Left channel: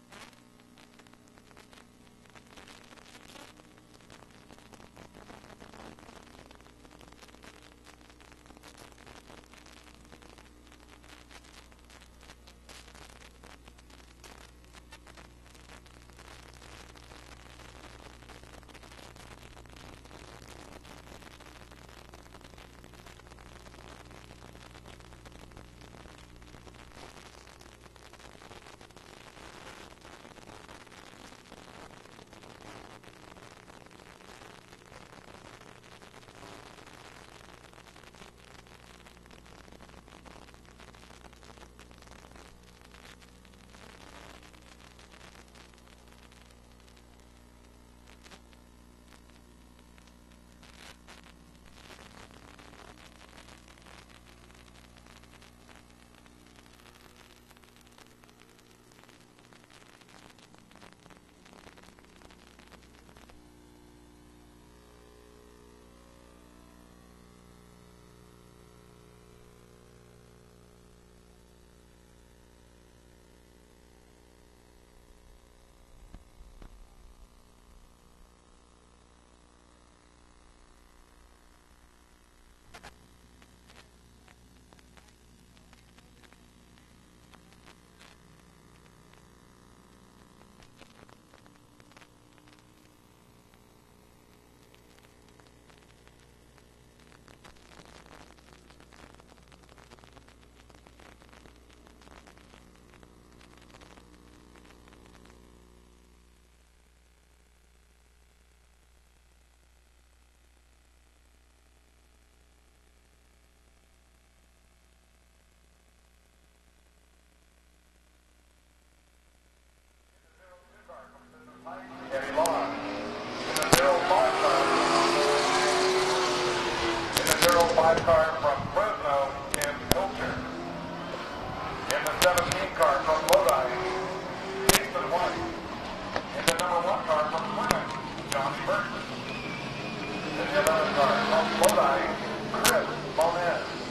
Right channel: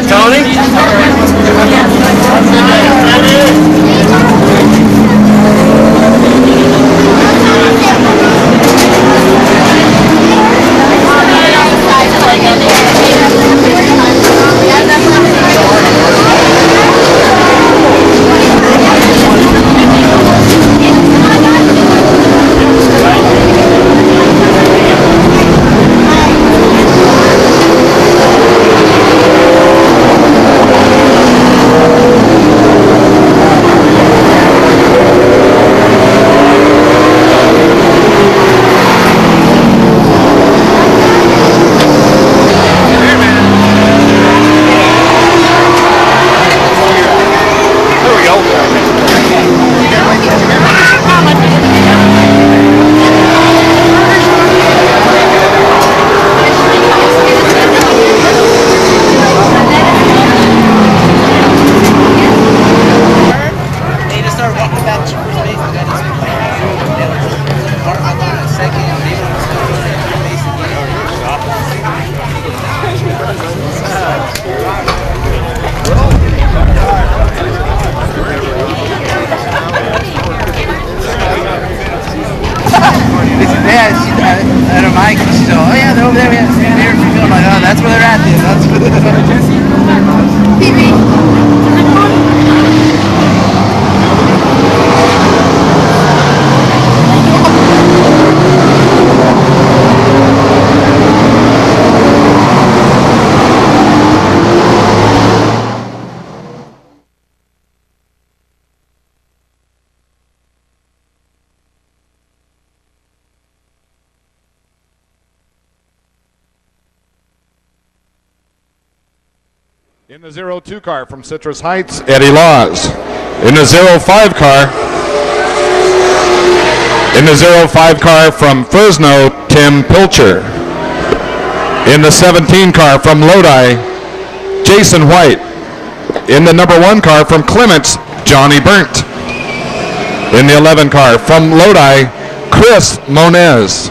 ahead, Tony. In the 02 car from Citrus Heights, Eddie Laws. In the 05 car, from Fresno, Tim Pilcher. In the 17 car from Lodi, Jason White. In the number 1 car from Clements, Johnny Burnt. In the 11 car from Lodi, Chris Moniz.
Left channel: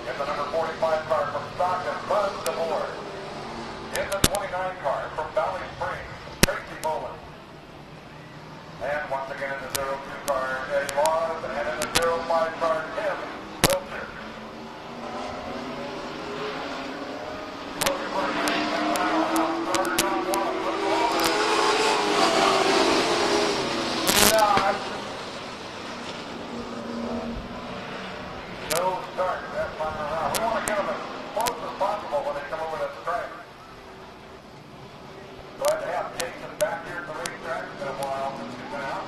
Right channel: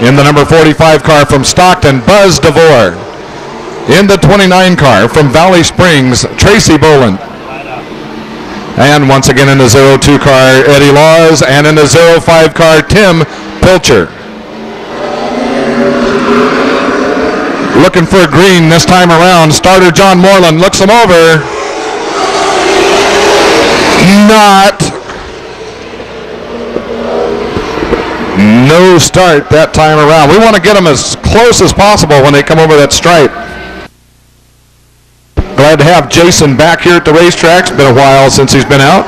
In the number 45 car from Stockton, Buzz DeVore. In the 29 car from Valley Springs, Tracy Boland. And once again in the 02 car, Eddie Laws, and in the 05 car, Tim Pilcher. Looking for a green this time around. Starter John Moreland looks him over. Not. No start that time around. We want to get them as close as possible when they come over that stripe. Glad to have Jason back here at the racetrack. It's been a while since he's been out.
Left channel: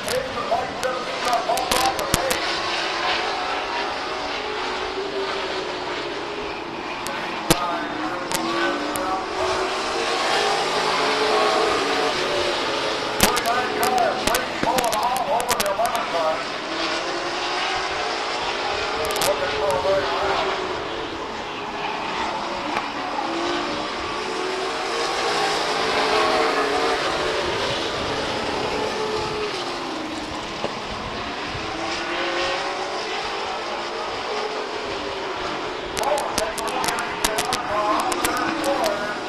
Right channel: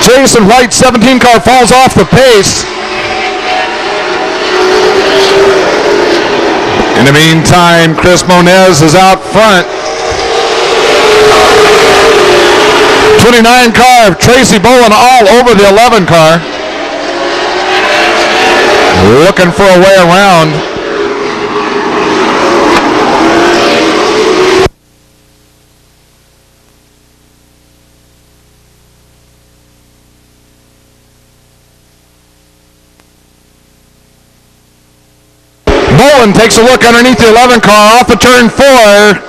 Jason White's 17 car falls off the pace. In the meantime, Chris Moniz is out front. 29 car, Tracy Boland all over the 11 car. Looking for a way around. Boland takes a look underneath the 11 car off of turn 4.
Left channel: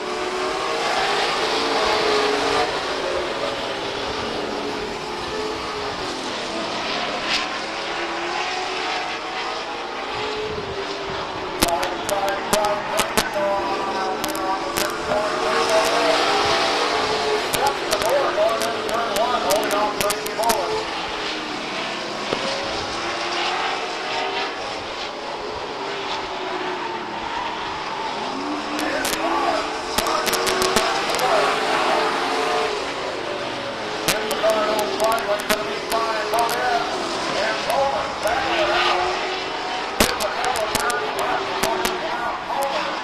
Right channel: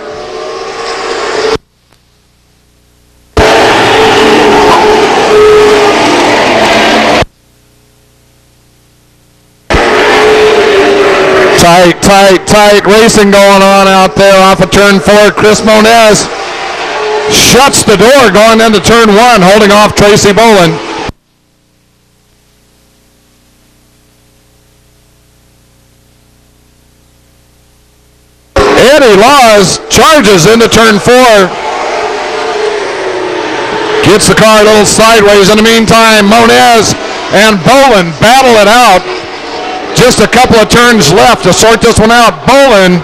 Tight racing going on out there off of turn 4. Chris Moniz shuts the door going into turn 1, holding off Tracy Boland. Eddie Laws charges into turn 4. Gets the car a little sideways. In the meantime, Moniz and Bolin battle it out. Just a couple of turns left to sort this one out. Bolin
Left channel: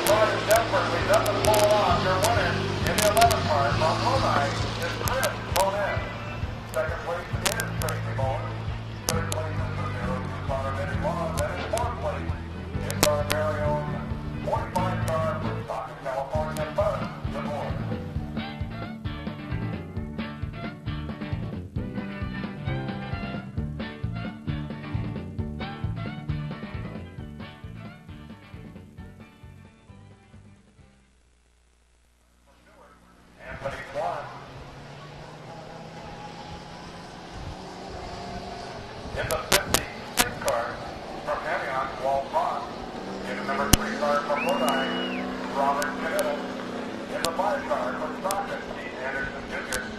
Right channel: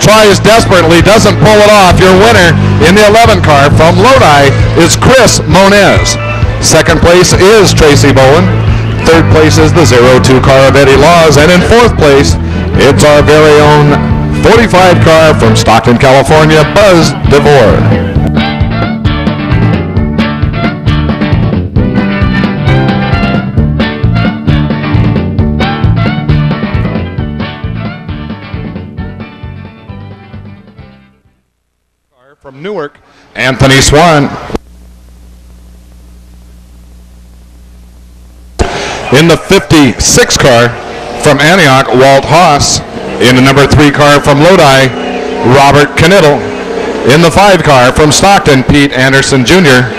tries desperately, doesn't pull it off. Your winner in the 11 car from Lodi is Chris Moniz. Second place is Tracy Bolin. Third place is the 02 car of Eddie Laws. And in fourth place, it's our very own 45 car from Stockton, California, Buzz DeVore. From Newark, Anthony Swan. In the 56 car from Antioch, Walt Haas. In the number 3 car from Lodi, Robert Knittel. In the 5 car from Stockton, Pete Anderson Jr.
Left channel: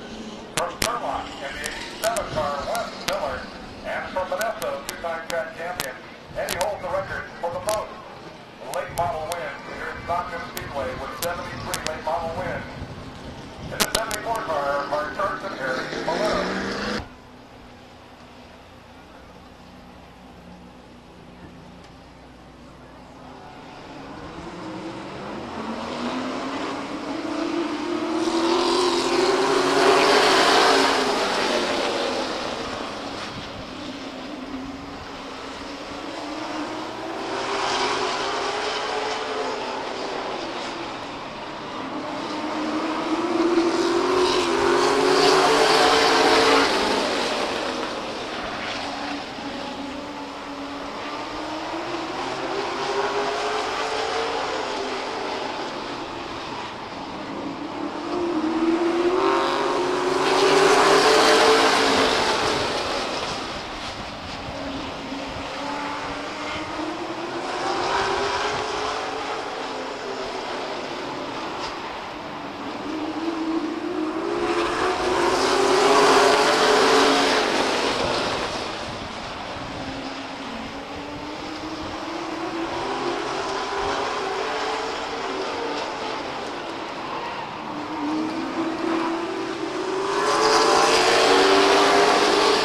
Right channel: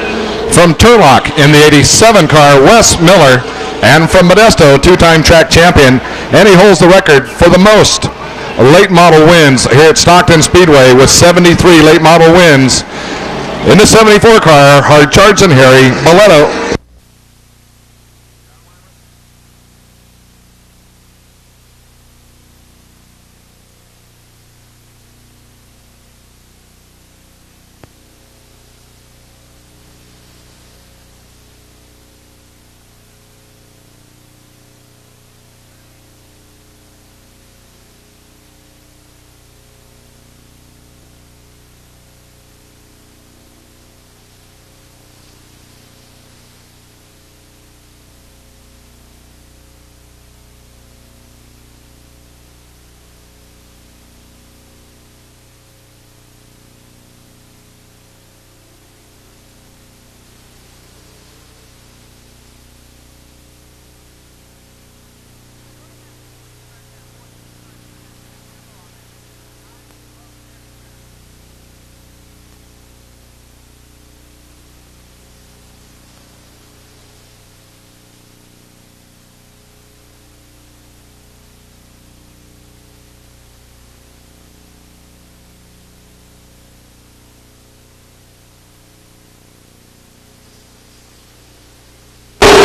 From Turlock in the 87 car, Wes Miller. And from Modesto, 2-time track champion. And he holds the record for the most late model wins here at Stockton Speedway with 73 late model wins. In the 74 car, Hard Charge and Harry Boletto.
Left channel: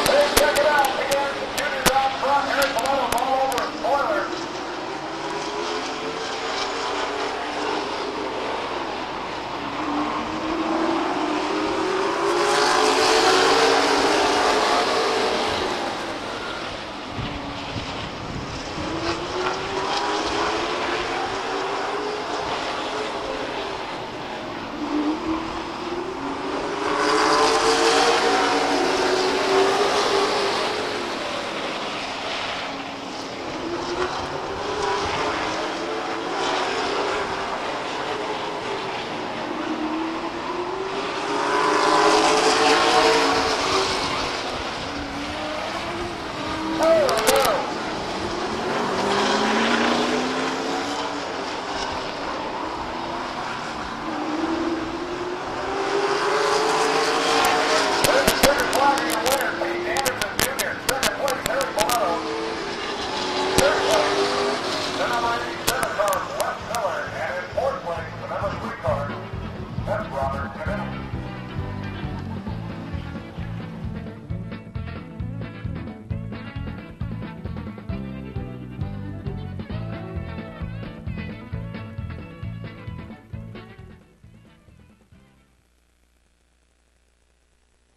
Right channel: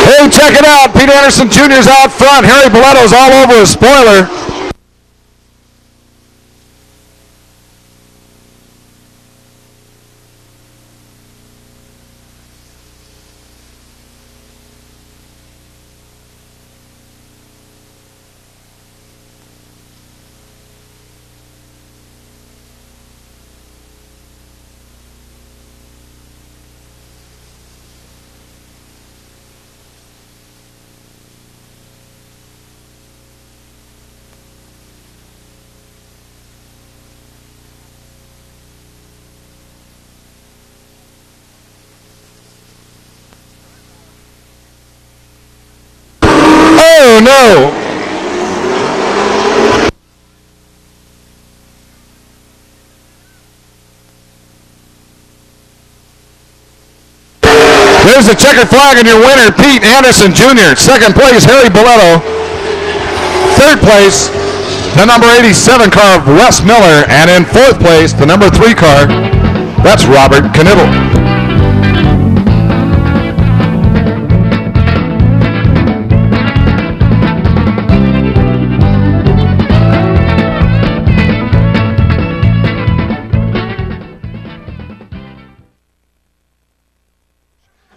Hey, check it out. Pete Anderson Jr. is out front. Harry Boletto's all over his spoiler. Oh no! There's the checkered flag and your winner, Pete Anderson Jr. Second place, Harry Boletto. Third place, the number 87 car of Wes Miller. And in fourth place, the number 3 car, that's Robert Knittel.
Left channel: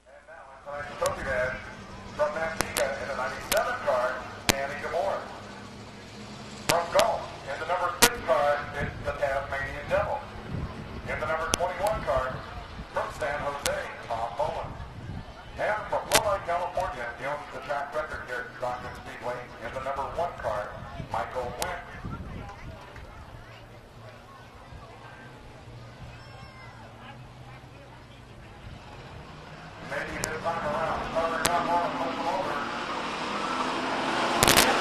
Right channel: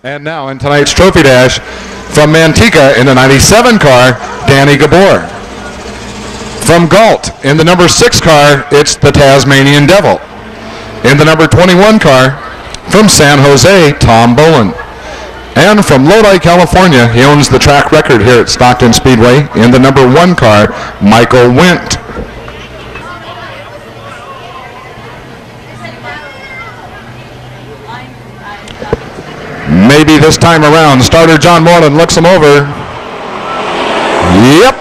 And now in tonight's trophy dash from Manteca in the 97 car, Danny Gabor. From Galt in the number 6 car, it's the Tasmanian Devil. In the number 21 car, from San Jose, Tom Bolin. And from Lodi, California, he owns the track record here at Stockton Speedway. In the number 1 car, Michael Wendt. Maybe this time around. Starter John Moreland looks him over. Yep.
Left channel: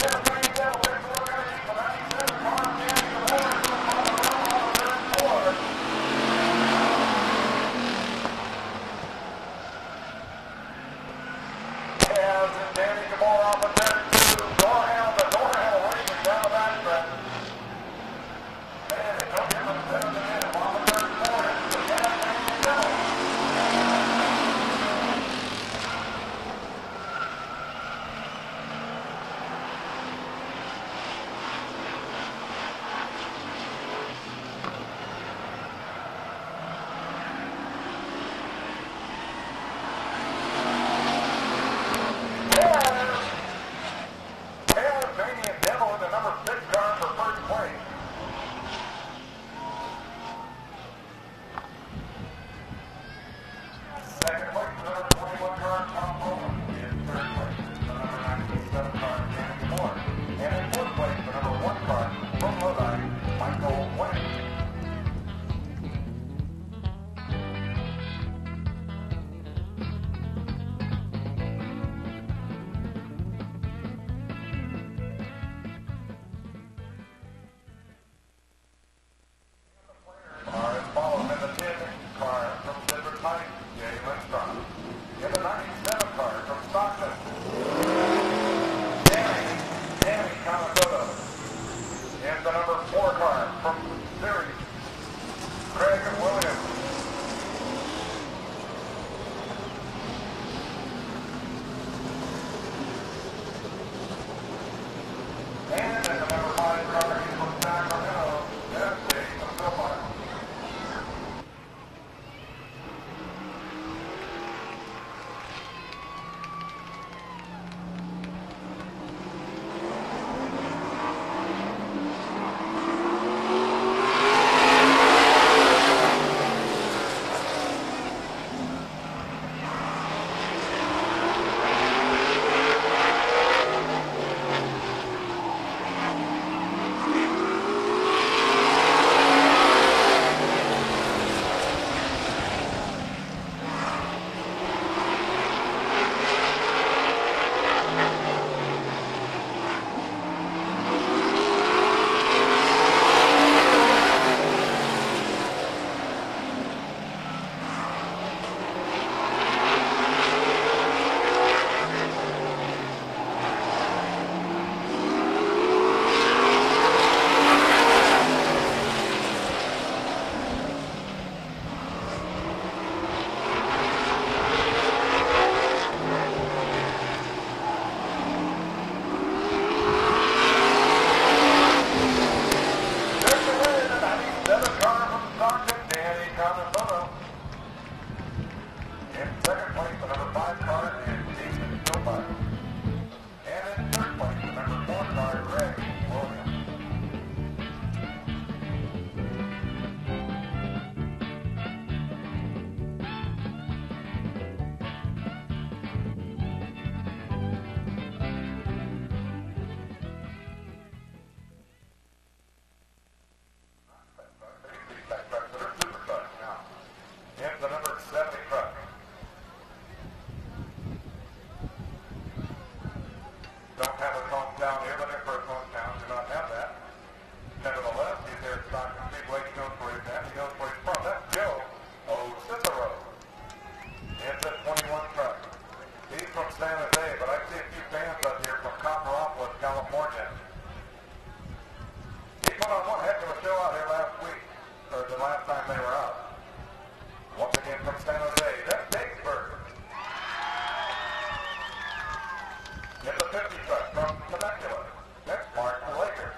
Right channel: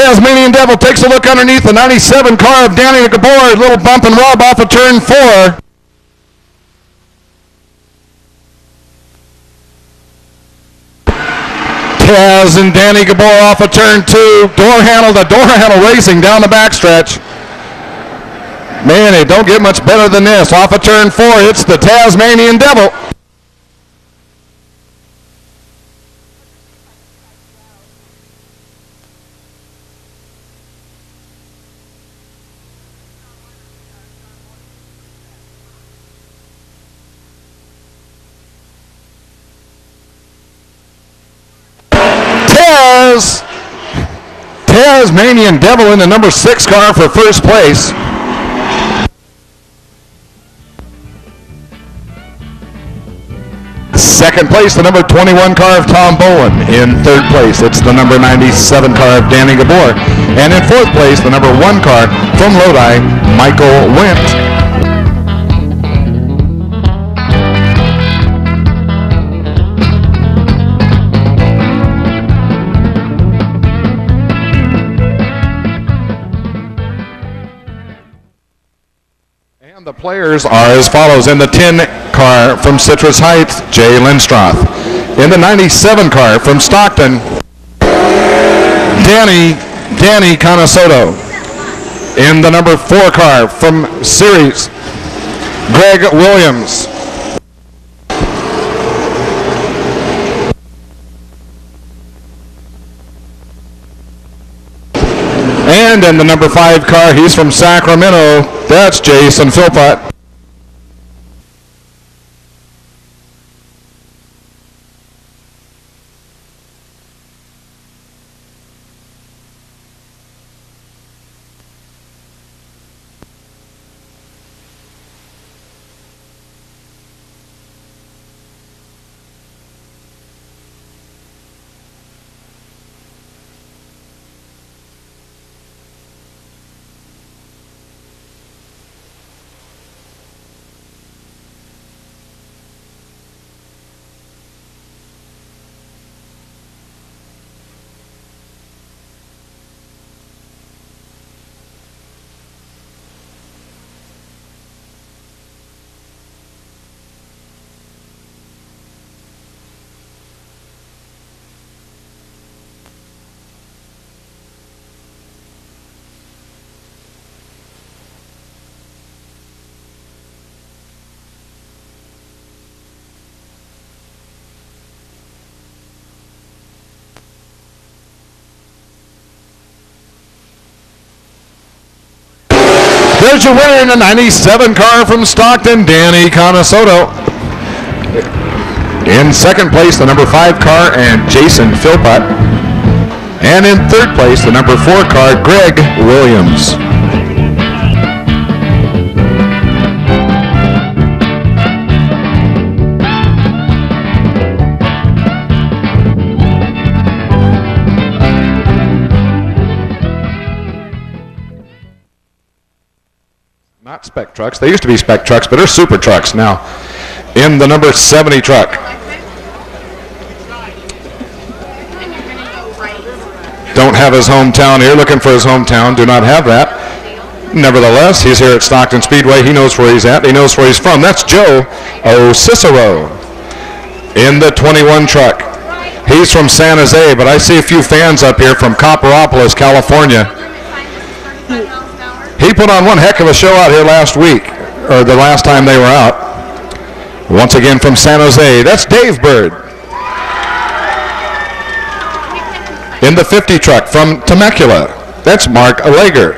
Tasmanian Devil takes a look underneath the 97 car of Danny Gabor. Little bump and rub off of turn 4. Taz and Danny Gabor off of turn 2. Door handle racing down the backstretch. Man, it don't get much better than this. Off of turn 4, it's the Tasmanian Devil. Tasmanian Devil in the number 6 car for first place. Second place, the number 21 car of Tom Bowen. In third place, it's the number 97 car of Danny Gabor. And in fourth place, the number 1 car from Lodi, Michael Wendt. The players are as follows. In the 10 car from Citrus Heights, Jay Lindstrath. In the 97 car from Stockton, Danny Canasoto. In the number 4 car from Ceres, Greg Williams. And in the number 5 car, he's from Sacramento, that's Jason Philpott. There's your winner in the 97 car from Stockton, Danny Canasoto. In second place, the number 5 car and Jason Philpott. And in third place, the number 4 car, Greg Williams. Not spec trucks. They used to be spec trucks, but they're super trucks now. In the number 70 truck, don't have his hometown here. Looking for his hometown. Do not have that. Nevertheless, he's here at Stockton Speedway. He knows where he's at. He knows where he's from. That's Joe O'Cicero. In the 21 truck, he's from San Jose, but I see a few fans up here from Copperopolis, California. He put on one heck of a show out here last week, or the last time they were out. Once again from San Jose, that's Dave Bird. In the 50 truck from Temecula, that's Mark Lager.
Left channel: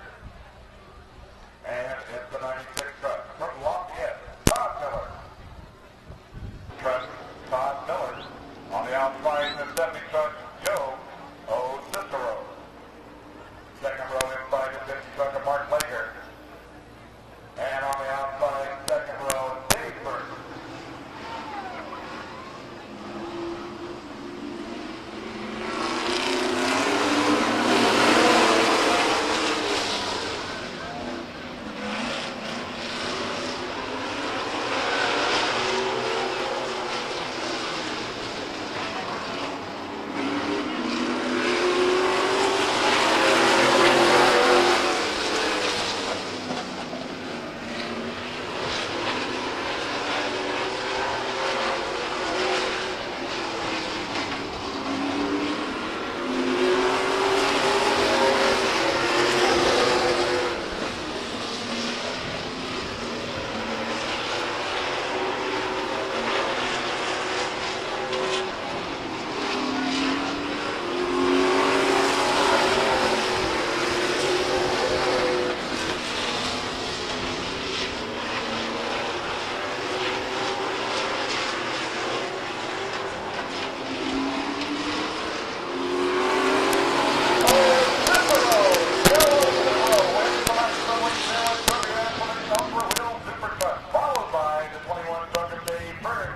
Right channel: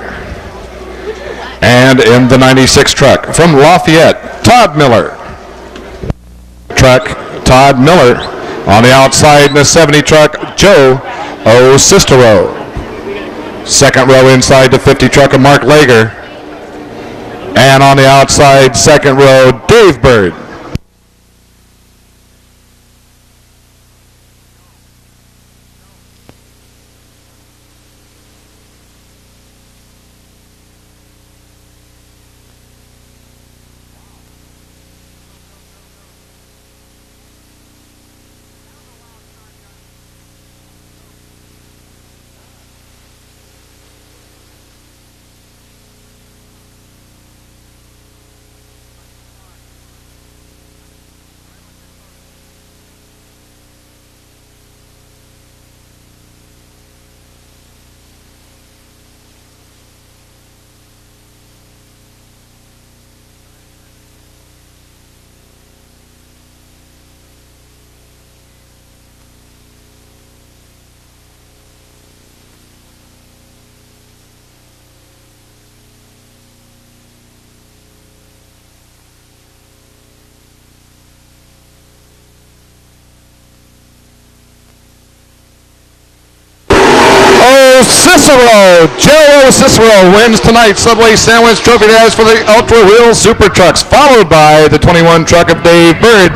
And in the 96 truck from Lafayette, Todd Miller. Truck, Todd Miller. On the outside in the 70 truck, Joe O'Cicero. Second row inside the 50 truck of Mark Lager. And on the outside, second row, Dave Bird. Joe Cicero wins tonight's Subway Sandwich Trophy Dash for the Ultra Wheel Super Trucks, followed by the 21 truck of Dave Bird.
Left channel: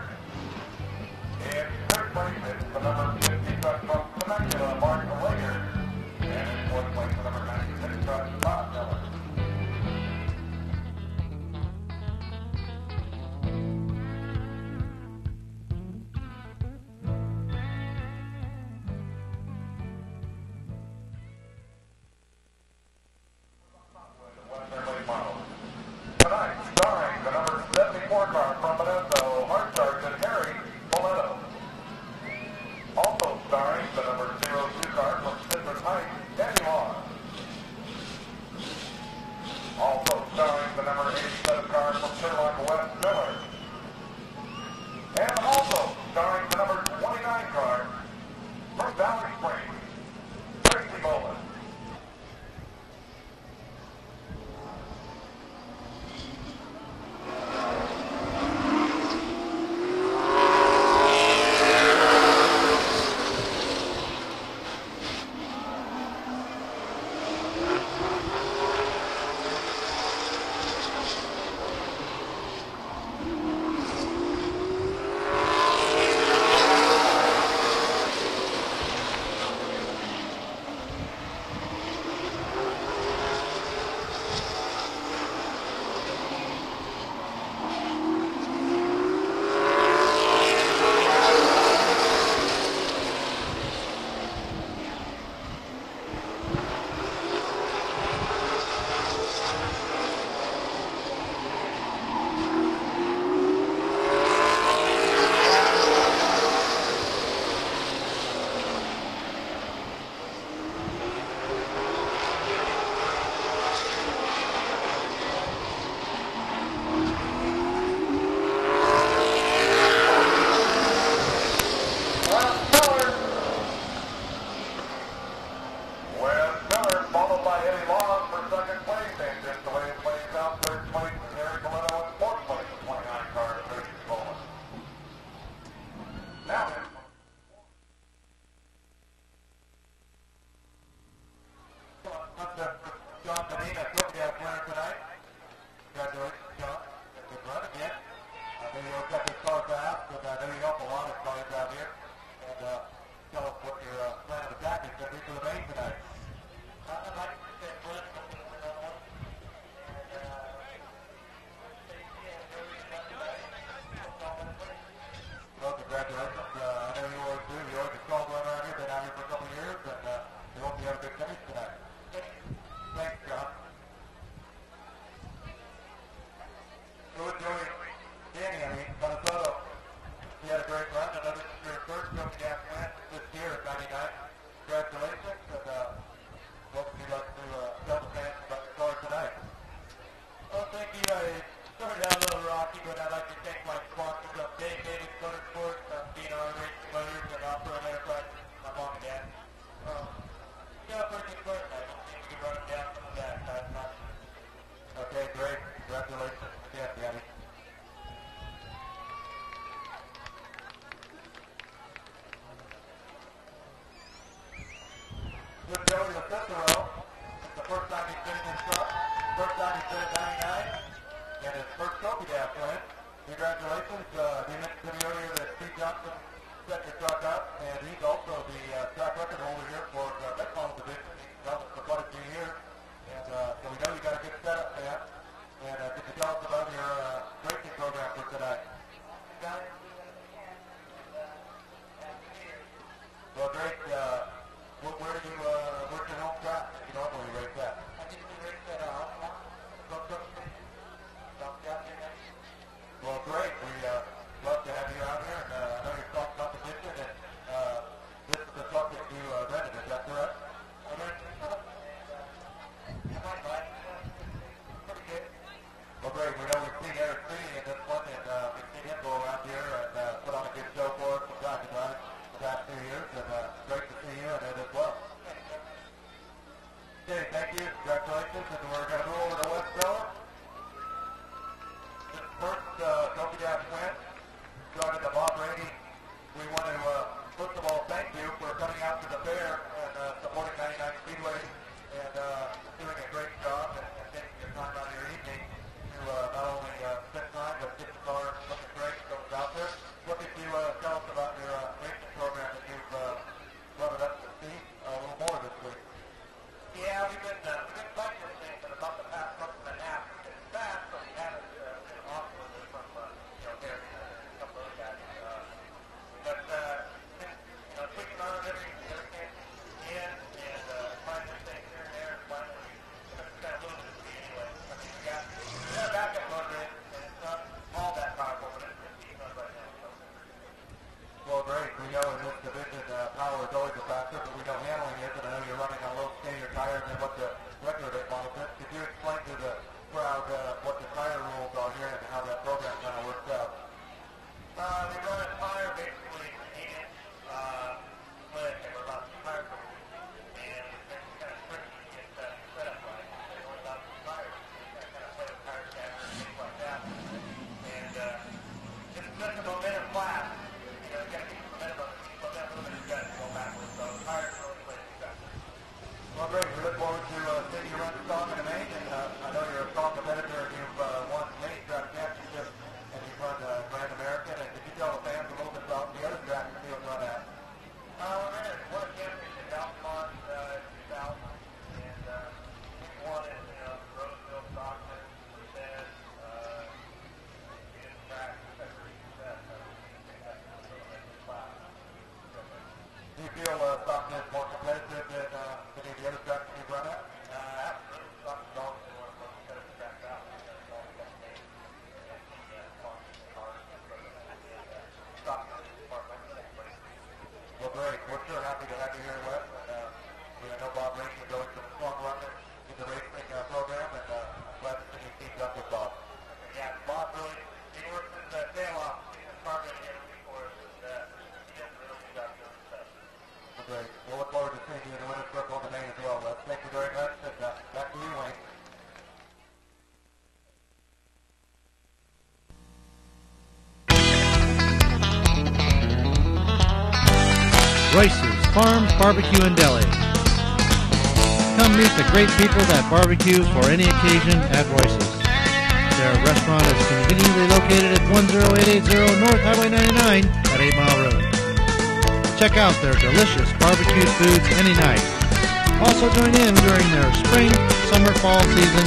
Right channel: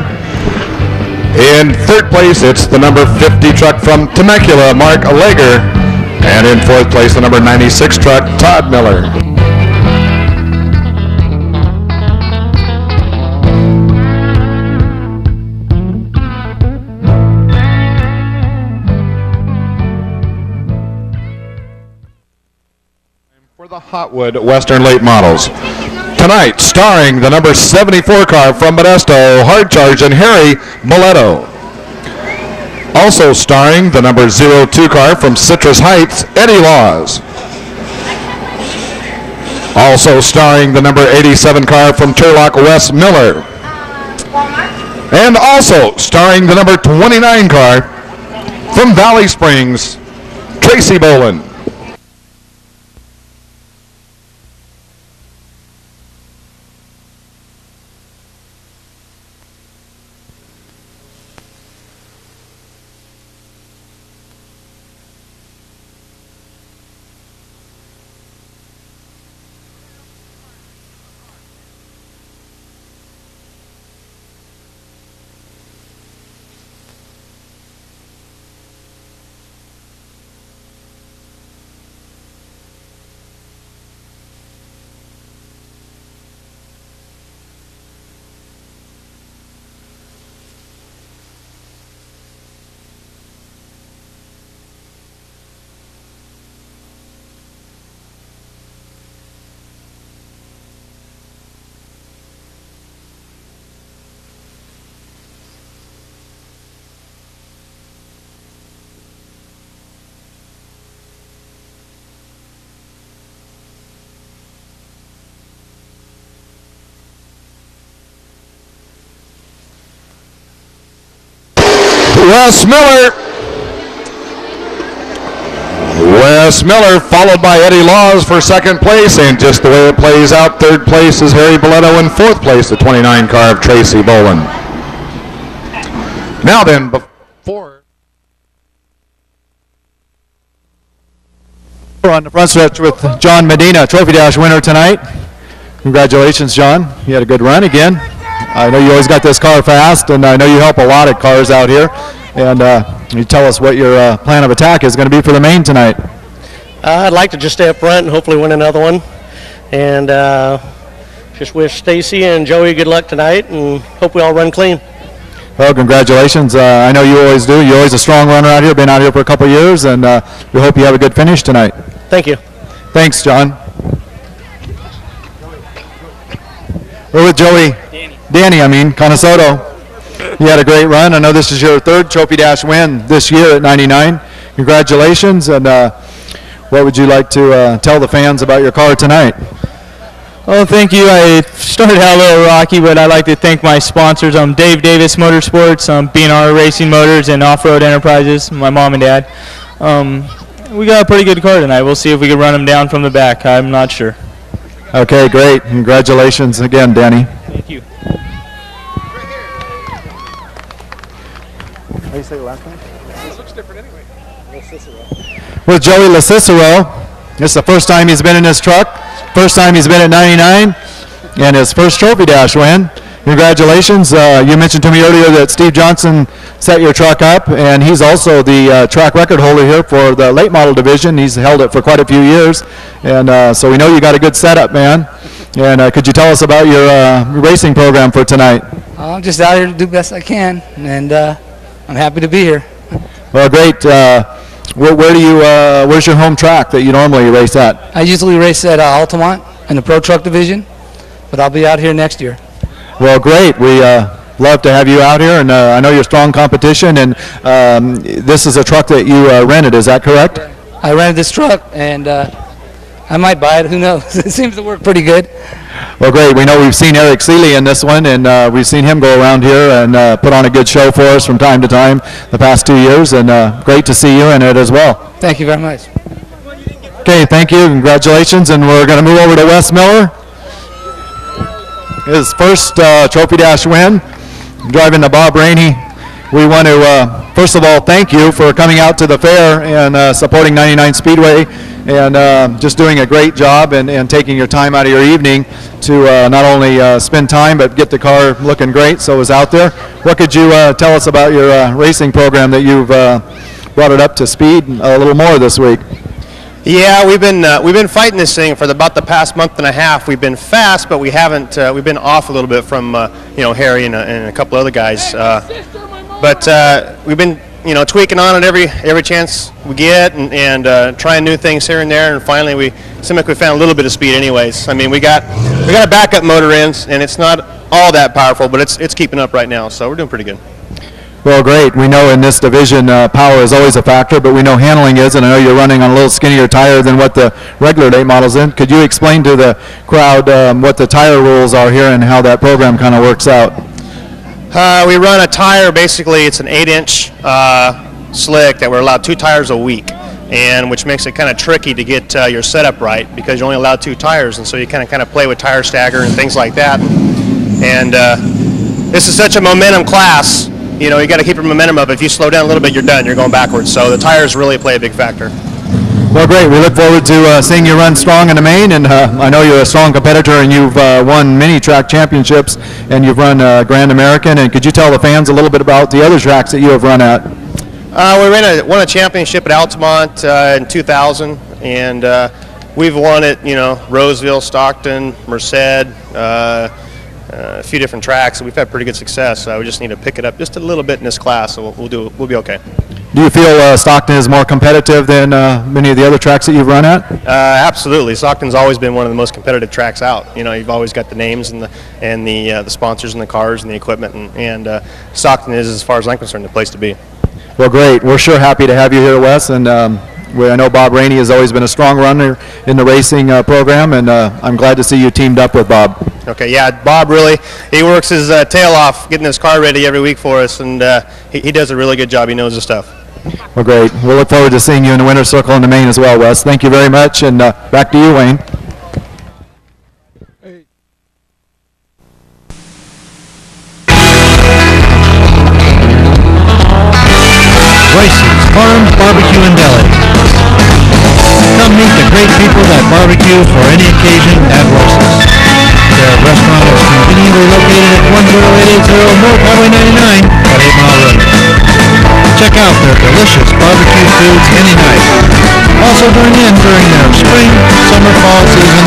In third place, it's the number 50 truck from Temecula, Mark Alleger. And in fourth place, the number 96 truck, Todd Miller. For the Hotwood Western Late Models. Tonight, starring the number 74 car from Modesto, Hard Charge, and Harry Boletto. Also starring the number 02 car from Citrus Heights, Eddie Laws. Also starring the number 87 car from Turlock, Wes Miller. And also starring the number 29 car from Valley Springs, Tracy Boland. Wes Miller followed by Eddie Laws for second place, and just the way it plays out, third place is Harry Boletto, in fourth place the 29 car of Tracy Boland. Now then, before We're on the front stretch with John Medina, Trophy Dash winner tonight. Congratulations, John. You had a good run again. I know you always got this car fast, and I know you help a lot of cars out here. And you tell us what your plan of attack is going to be for the main tonight. I'd like to just stay up front and hopefully win another one. And just wish Stacy and Joey good luck tonight, and hope we all run clean. Well, congratulations. I know you always do. You're always a strong runner out here, been out here for a couple of years, and we hope you have a good finish tonight. Thank you. Thanks, John. We're with Joey. Danny, Conasoto. You had a great run. I know this is your third Trophy Dash win this year at 99. Congratulations, and what would you like to tell the fans about your car tonight? Well, thank you. I started out a little rocky, but I'd like to thank my sponsors, Dave Davis Motorsports, B&R Racing Motors, and Off-Road Enterprises, my mom and dad. We got a pretty good car tonight. We'll see if we can run them down from the back. I'm not sure. Okay, great. Congratulations again, Danny. Thank you. How do you say the last name? It looks different anyway. With Joey LaCicero. This is the first time he's been in this truck. First time he's been at 99, and his first Trophy Dash win. Congratulations. You mentioned to me earlier that Steve Johnson set your truck up, and he's also the track record holder here for the late model division. He's held it for quite a few years, and so we know you got a good setup, man. And could you tell us about your racing program for tonight? I'm just out here to do the best I can, and I'm happy to be here. Well, great. Where's your home track that you normally race at? I usually race at Altamont in the Pro Truck division, but I'll be out here next year. Well, great. We love to have you out here, and I know you're strong competition, and this is a truck that you rented, is that correct? I rented this truck, and I might buy it. Who knows? It seems to work pretty good. Well, great. We know we've seen Eric Seeley in this one, and we've seen him go around here and put on a good show for us from time to time the past 2 years, and great to see you in it as well. Thank you very much. Okay, thank you. Congratulations, and we're going to move over to Wes Miller. His first Trophy Dash win, driving the Bob Rainey We want to, first of all, thank you for coming out to the fair and supporting 99 Speedway and just doing a great job and taking your time out of your evening to not only spend time but get the car looking great so it was out there. What could you tell us about your racing program that you've brought it up to speed a little more this week? Yeah, we've been fighting this thing for about the past month and a half. We've been fast, but we haven't. We've been off a little bit from Harry and a couple other guys. But we've been tweaking on it every chance we get and trying new things here and there. And finally, we seem like we found a little bit of speed. Anyways, I mean we got a backup motor in, and it's not all that powerful, but it's keeping up right now. So we're doing pretty good. Well, great. We know in this division power is always a factor, but we know handling is, and I know you're running on a little skinnier tire than what the regular late models in. Could you explain to the crowd what the tire rules are here and how that program kind of works out? We run a tire, basically it's an 8-inch slick that we're allowed 2 tires a week, and which makes it kind of tricky to get your setup right because you're only allowed 2 tires, and so you kind of play with tire stagger and things like that. And this is such a momentum class. You got to keep your momentum up. If you slow down a little bit, you're done. You're going backwards. So the tires really play a big factor. Well, great. We look forward to seeing you run strong in the main, and I know you're a strong competitor, and you've won many track championships, and you've run Grand American. And could you tell the fans a little bit about the other tracks that you have run at? We won a championship at Altamont in 2000, and we've won at Roseville, Stockton, Merced. A few different tracks, and we've had pretty good success. We just need to pick it up just a little bit in this class, so we'll be okay. Do you feel Stockton is more competitive than many of the other tracks that you've run at? Absolutely. Stockton's always been one of the most competitive tracks out. You've always got the names and the sponsors and the cars and the equipment, and Stockton is, as far as I'm concerned, the place to be. Well, great. We're sure happy to have you here, Wes, and I know Bob Rainey has always been a strong runner in the racing program, and I'm glad to see you teamed up with Bob. Okay, yeah, Bob he works his tail off getting his car ready every week for us, and he does a really good job. He knows his stuff. Well, great. We'll look forward to seeing you in the winner's circle in the main as well, Wes. Thank you very much, and back to you, Wayne. Royce's Farm Barbecue and Deli. Come meet the great people that barbecue for any occasion at Royce's. Their restaurant is conveniently located at 10880 North Highway 99 at 8 Mile Road. Check out their delicious barbecue foods any night. Also join in during their spring, summer, fall season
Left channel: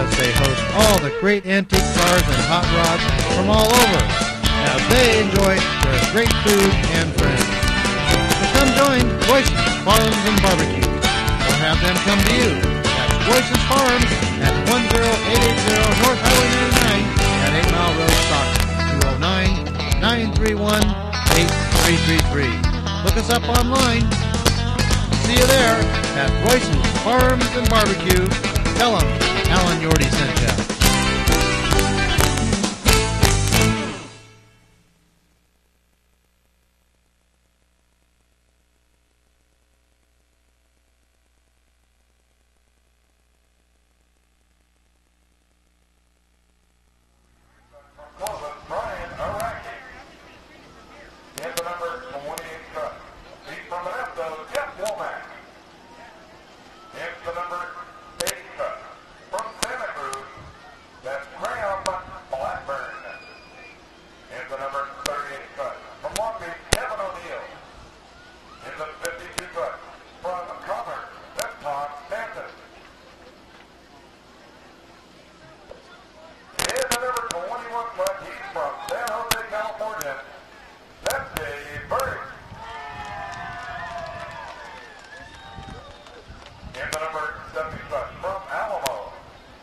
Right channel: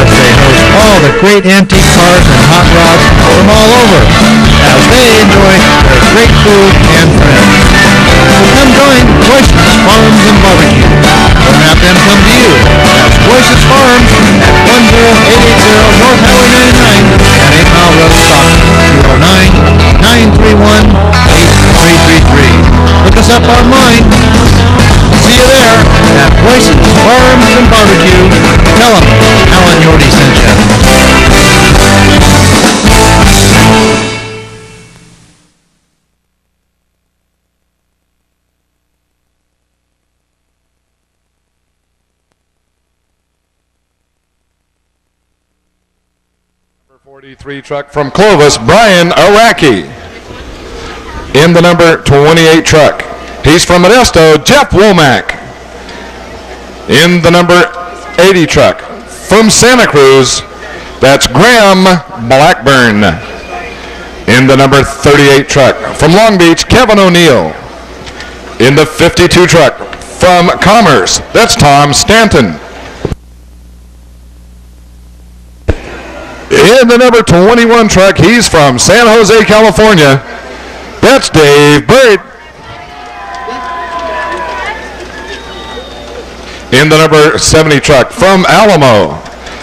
as they host all the great antique cars and hot rods from all over as they enjoy their great food and friends. So come join Royce's Farms and Barbecue, or have them come to you. That's Royce's Farms at 10880 North Highway 99 at 8 Mile Road, Stockton, 209-931-8333. Look us up online. See you there at Royce's Farms and Barbecue. Tell them Alan Yorty sent you. Number 43 truck from Clovis, Brian Araki. In the number 28 truck, he's from Modesto, Jeff Womack. In the number 80 truck, from Santa Cruz, that's Graham Blackburn. In the number 38 truck, from Long Beach, Kevin O'Neill. In the 52 truck, from Commerce, that's Tom Stanton. In the number 21 truck, he's from San Jose, California. That's Dave Bird. In the number 70 truck, from Alamo,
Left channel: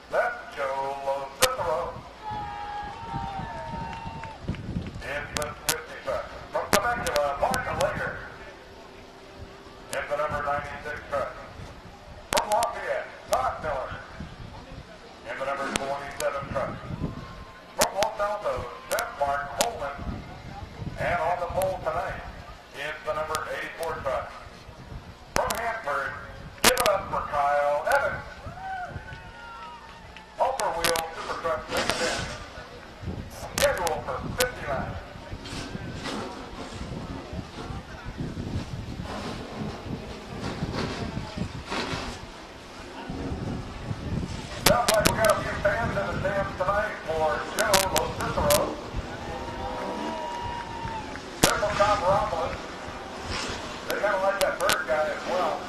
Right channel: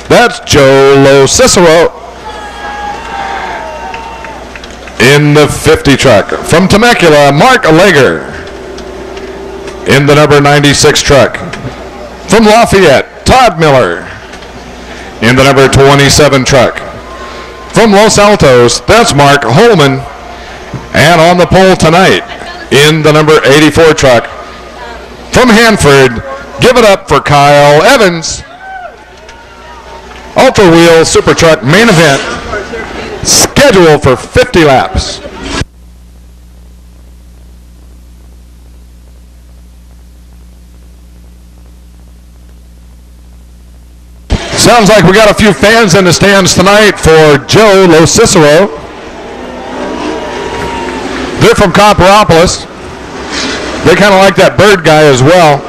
that's Joe Lo Cicero. In the 50 truck, from Temecula, Mark Alleger. In the number 96 truck, from Lafayette, Todd Miller. In the number 27 truck, from Los Altos, that's Mark Holman. And on the pole tonight, in the number 84 truck, from Hanford, give it up for Kyle Evans. Ultra Wheel Super Truck main event, scheduled for 50 laps. Sounds like we got a few fans in the stands tonight for Joe Lo Cicero. They're from Copperopolis. They kind of like that Bird guy as well.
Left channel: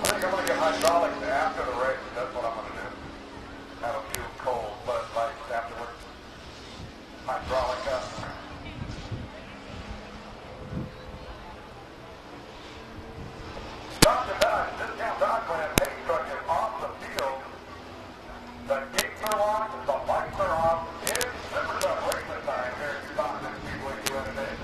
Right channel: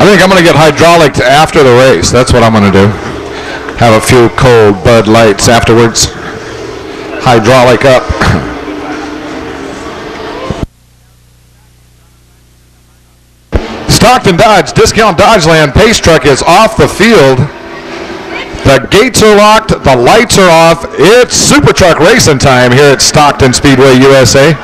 I think I'm going to get hydraulic after the race. That's what I'm going to do. Have a few cold Bud Lights afterwards. Hydraulic up. Stockton Dodge, Discount Dodgeland pace truck is off the field. The gates are locked, the lights are off. It's Super Truck racing time here at Stockton Speedway, USA.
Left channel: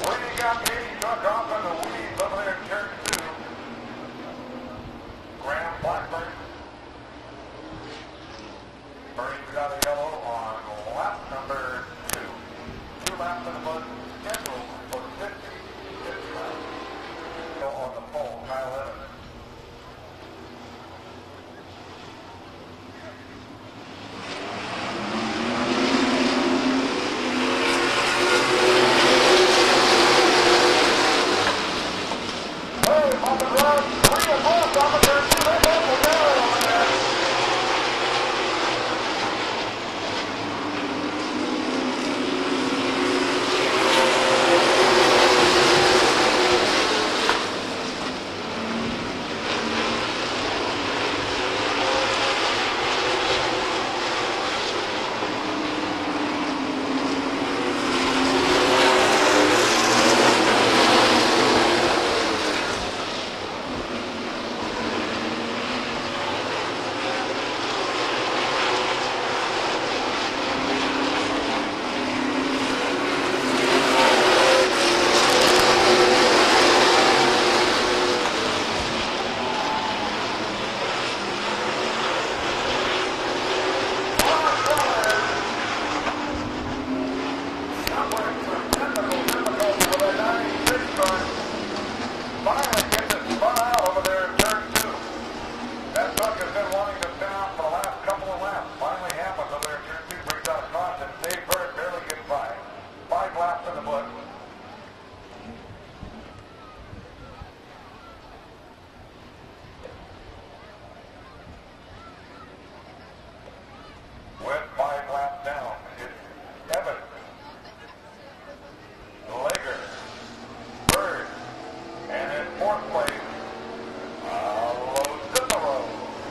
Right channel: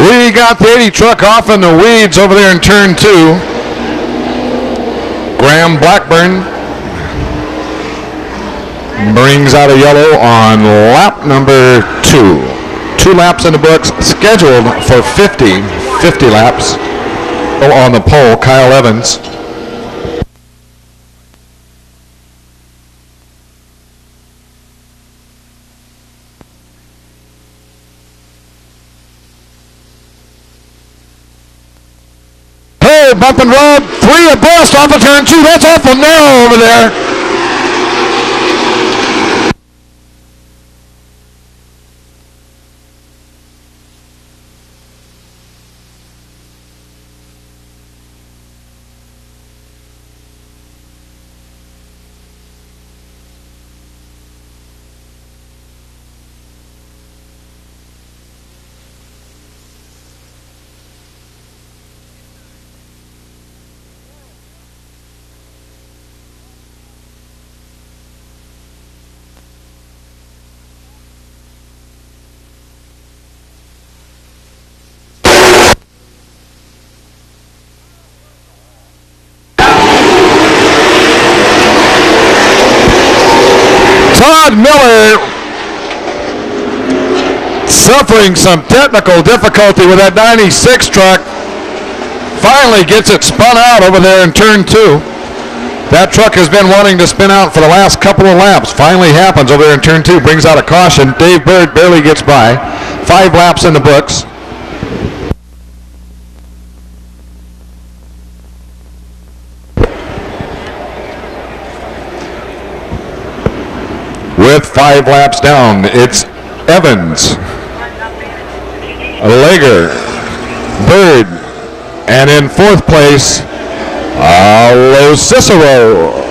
We got the 80 truck off in the weeds over there in turn 2. Graham Blackburn brings out a yellow on lap number 2. 2 laps in the books, scheduled for 50 laps. On the pole, Kyle Evans. Bump and road, 3 abreast off of turn 2. That's awful narrow over there. Todd Miller suffering some technical difficulty with that 96 truck. Finally gets it spun out over there in turn 2. That truck has been wanting to spin out for the last couple of laps. Finally happens over there in turn 2. Brings out a caution. Dave Bird barely gets by. 5 laps in the books. With 5 laps down, it's Evans, Lager, Bird, and in 4th place, Lo Cicero.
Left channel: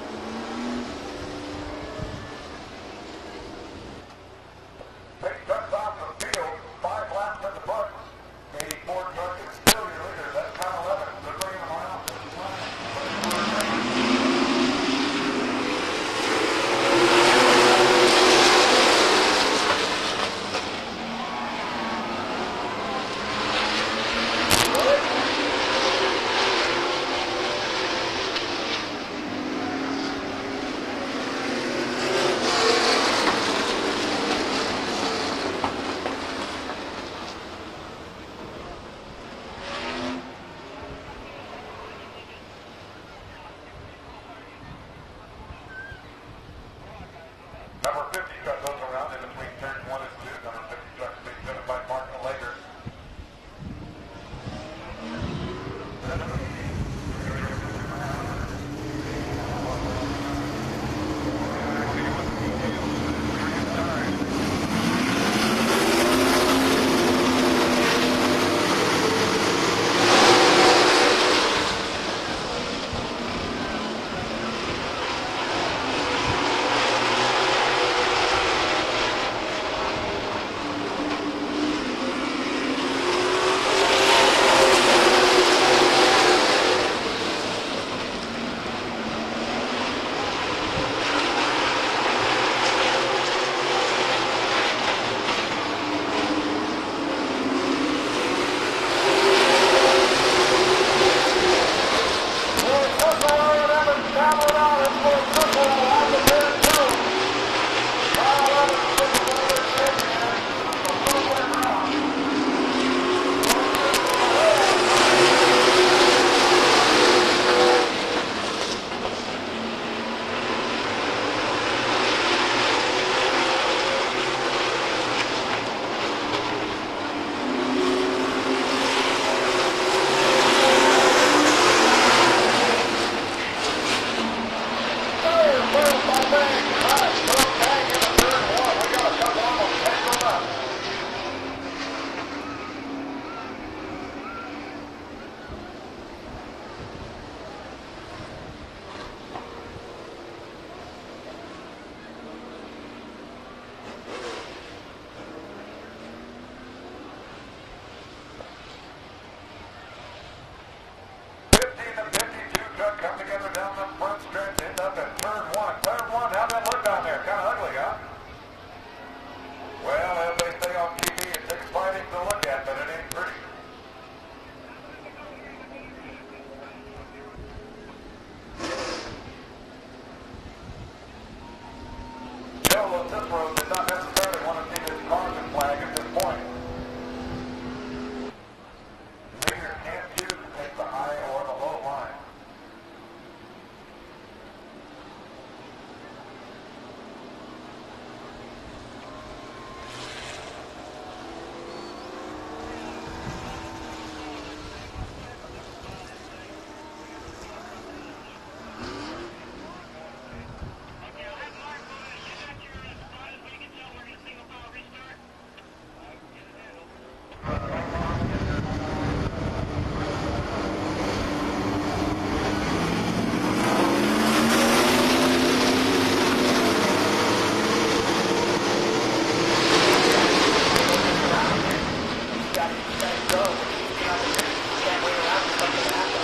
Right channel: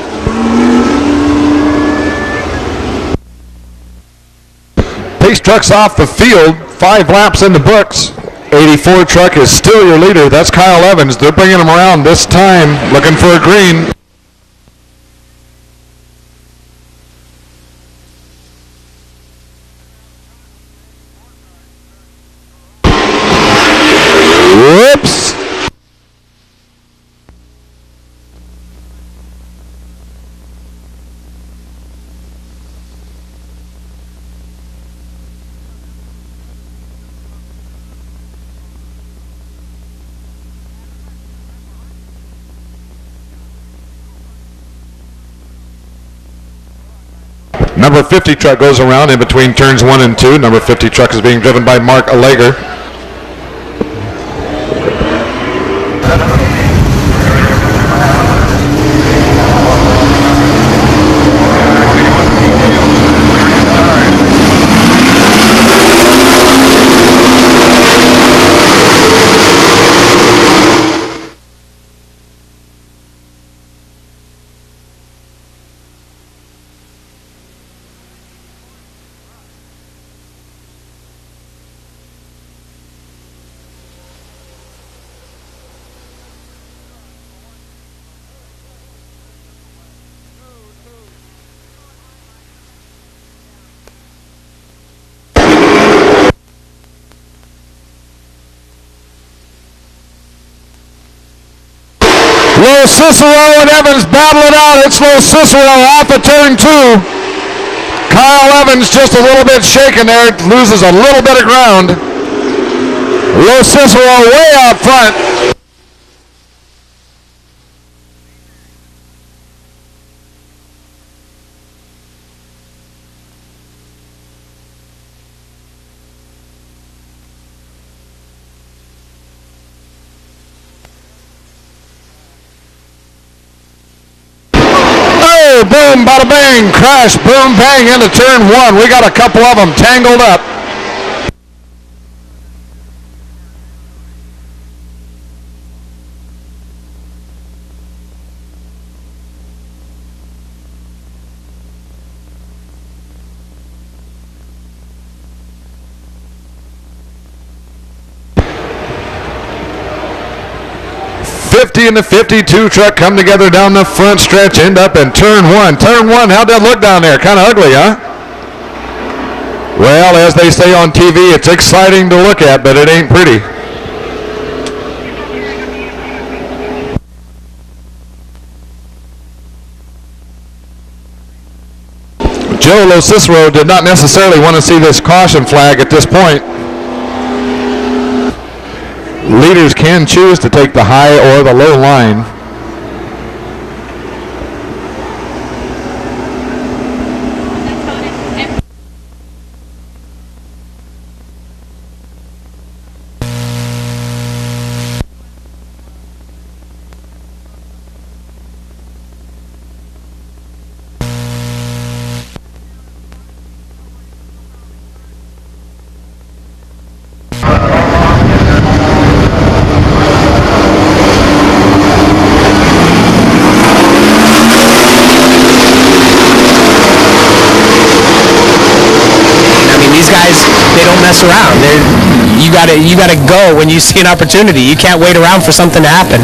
Pace truck's off the field, 5 laps in the books. 84 truck is still your leader. That's Kyle Evans. They're bringing him around this time, looking for a green. Whoops. Number 50 truck goes around in between turns 1 and 2. Number 50 truck is being driven by Mark Alleger. Low Cicero and Evans battle it out. It's Low Cicero off of turn 2. Kyle Evans just a little bit shaken there, loses a little bit of ground. Low Cicero way out front. Boom, bada bang, crash, boom, bang into turn 1. We got a couple of them tangled up. And the 52 truck come together down the front stretch, end up in turn 1. Turn 1, how'd that look down there? Kind of ugly, huh? Well, as they say on TV, it's exciting to look at, but it ain't pretty. Joe Lo Cicero did not necessarily want to see this caution flag at this point. Leaders can choose to take the high or the low line. Around. You gotta go when you see an opportunity. You can't wait around for something to happen.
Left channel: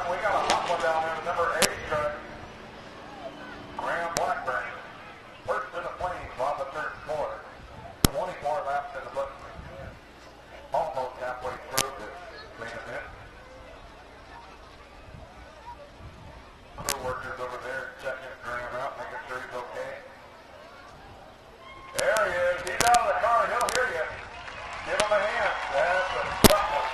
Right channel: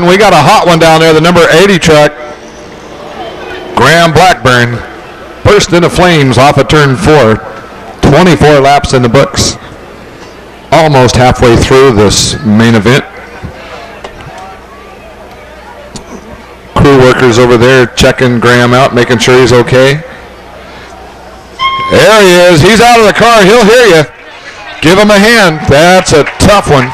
one. We got a hot one down there, the number 80 truck. Graham Blackburn, burst into flames off of turn 4. 24 laps in the books. Almost halfway through this main event. Crew workers over there checking Graham out, making sure he's okay. There he is. He's out of the car. He'll hear you. Give him a hand. That's a tough one.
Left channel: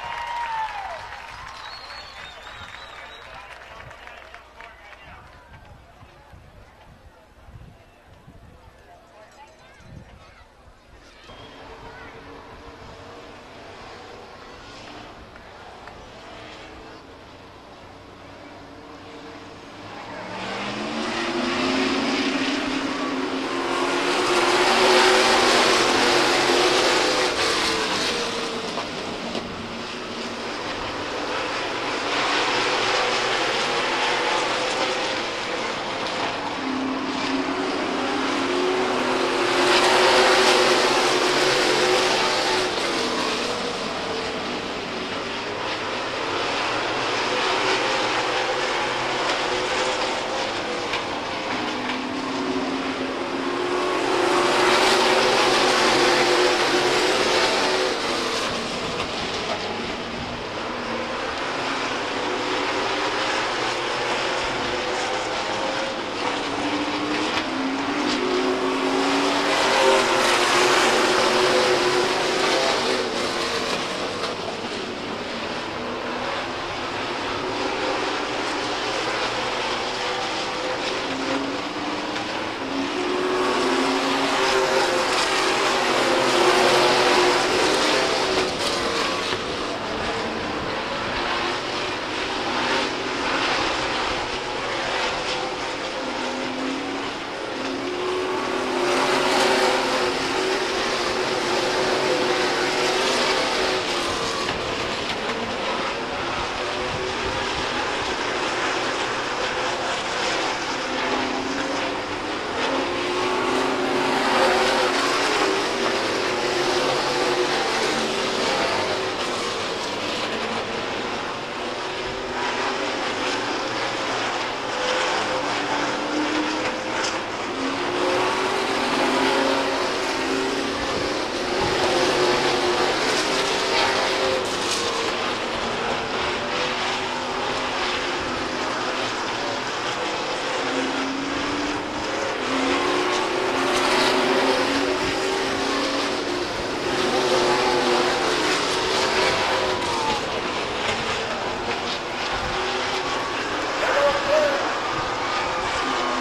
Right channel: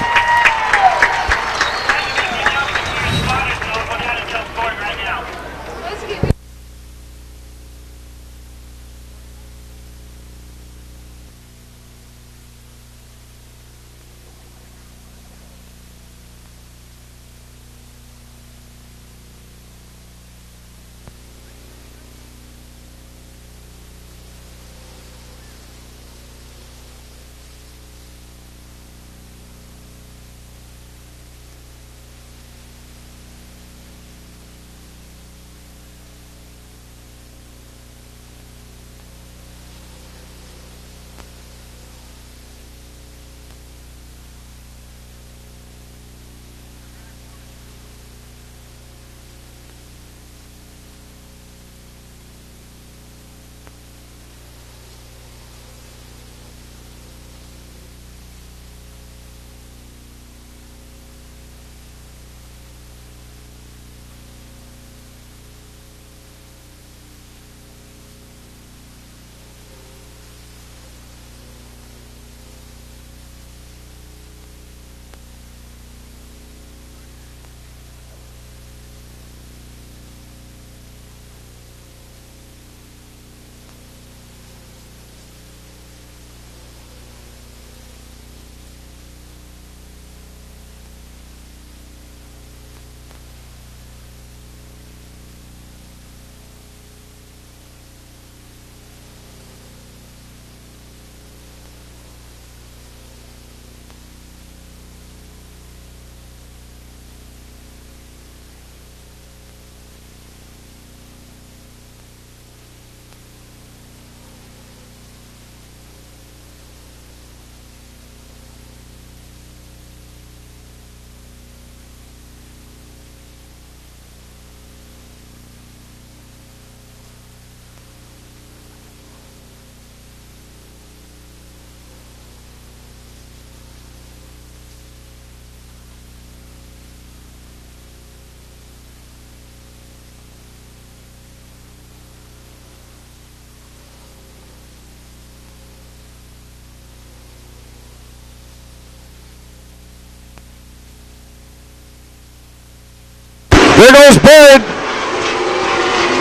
There goes Bird.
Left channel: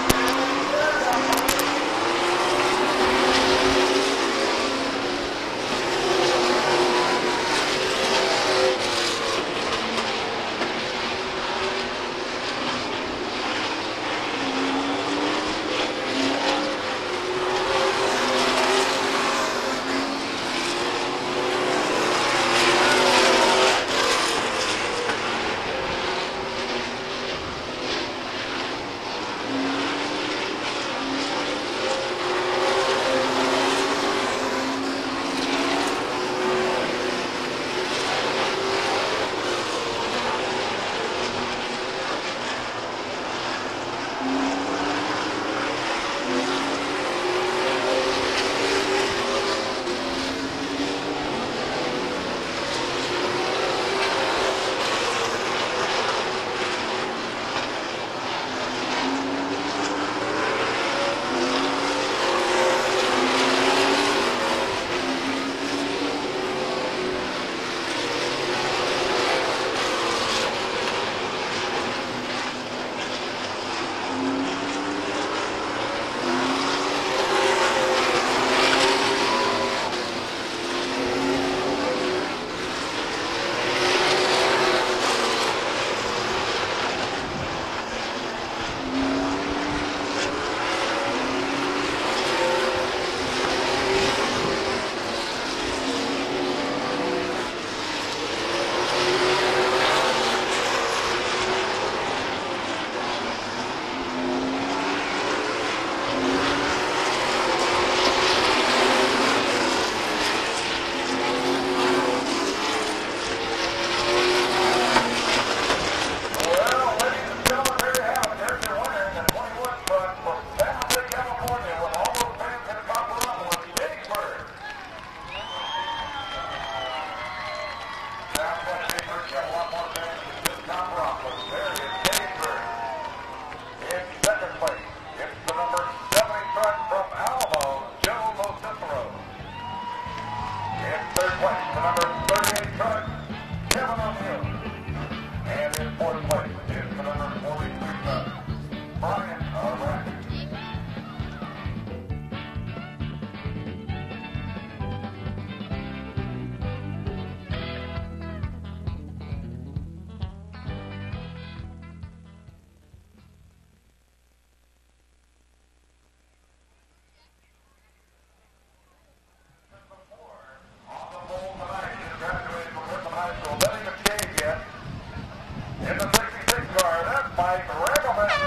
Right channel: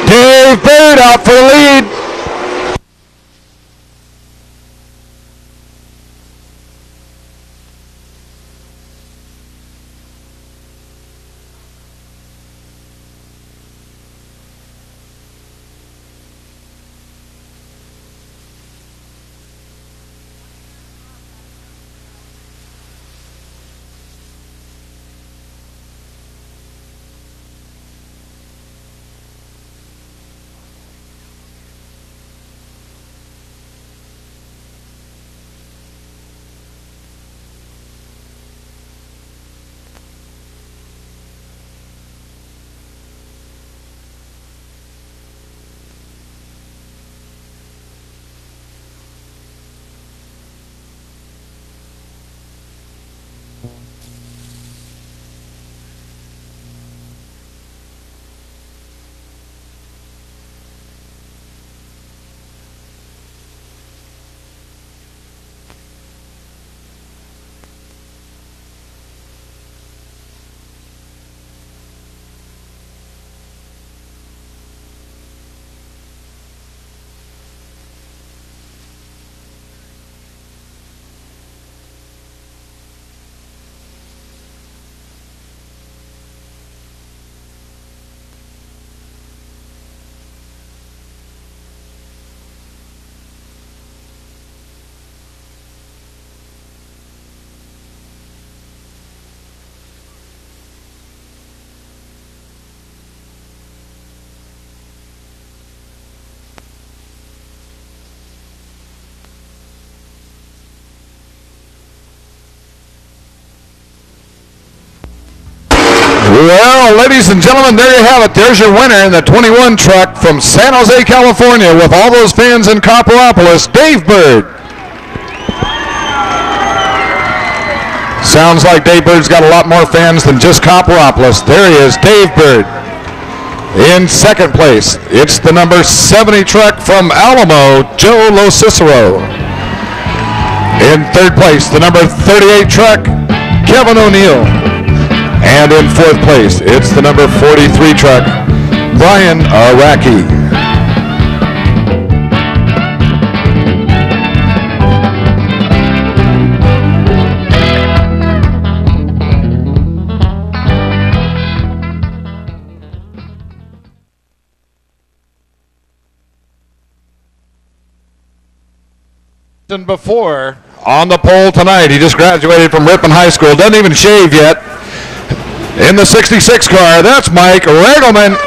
Dave Bird out for the lead. Well, ladies and gentlemen, there you have it. There's your winner in the 21 truck from San Jose, California, with all those fans in Copperopolis, Dave Bird. Sounds like Dave Bird's got a lot more fans than just Copperopolis. There he is, Dave Bird. In second place, it's the number 70 truck from Alamo, Joe Lo Cicero. In third place, the number 38 truck, Kevin O'Neill. And in fourth place, it's the number 43 truck, Brian Araki. Before on the pole tonight, he just graduated from Ripon High School, doesn't even shave yet. In the 66 car, that's Mike Regelman.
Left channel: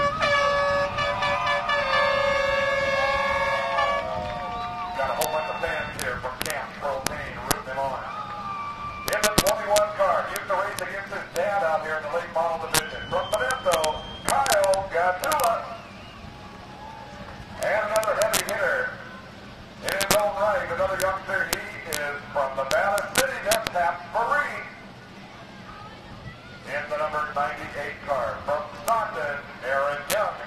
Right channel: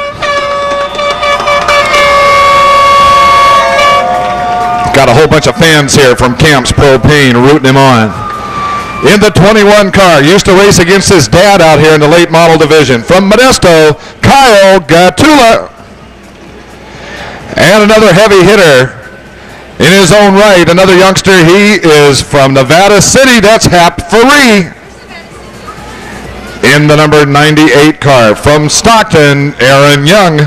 Got a whole bunch of fans here from Camps Propane rooting him on. In the 21 car, used to race against his dad out here in the late model division. From Modesto, Kyle Gatula. And another heavy hitter in his own right, another youngster. He is from Nevada City. That's Hap Faree. In the number 98 car, from Stockton, Aaron Young.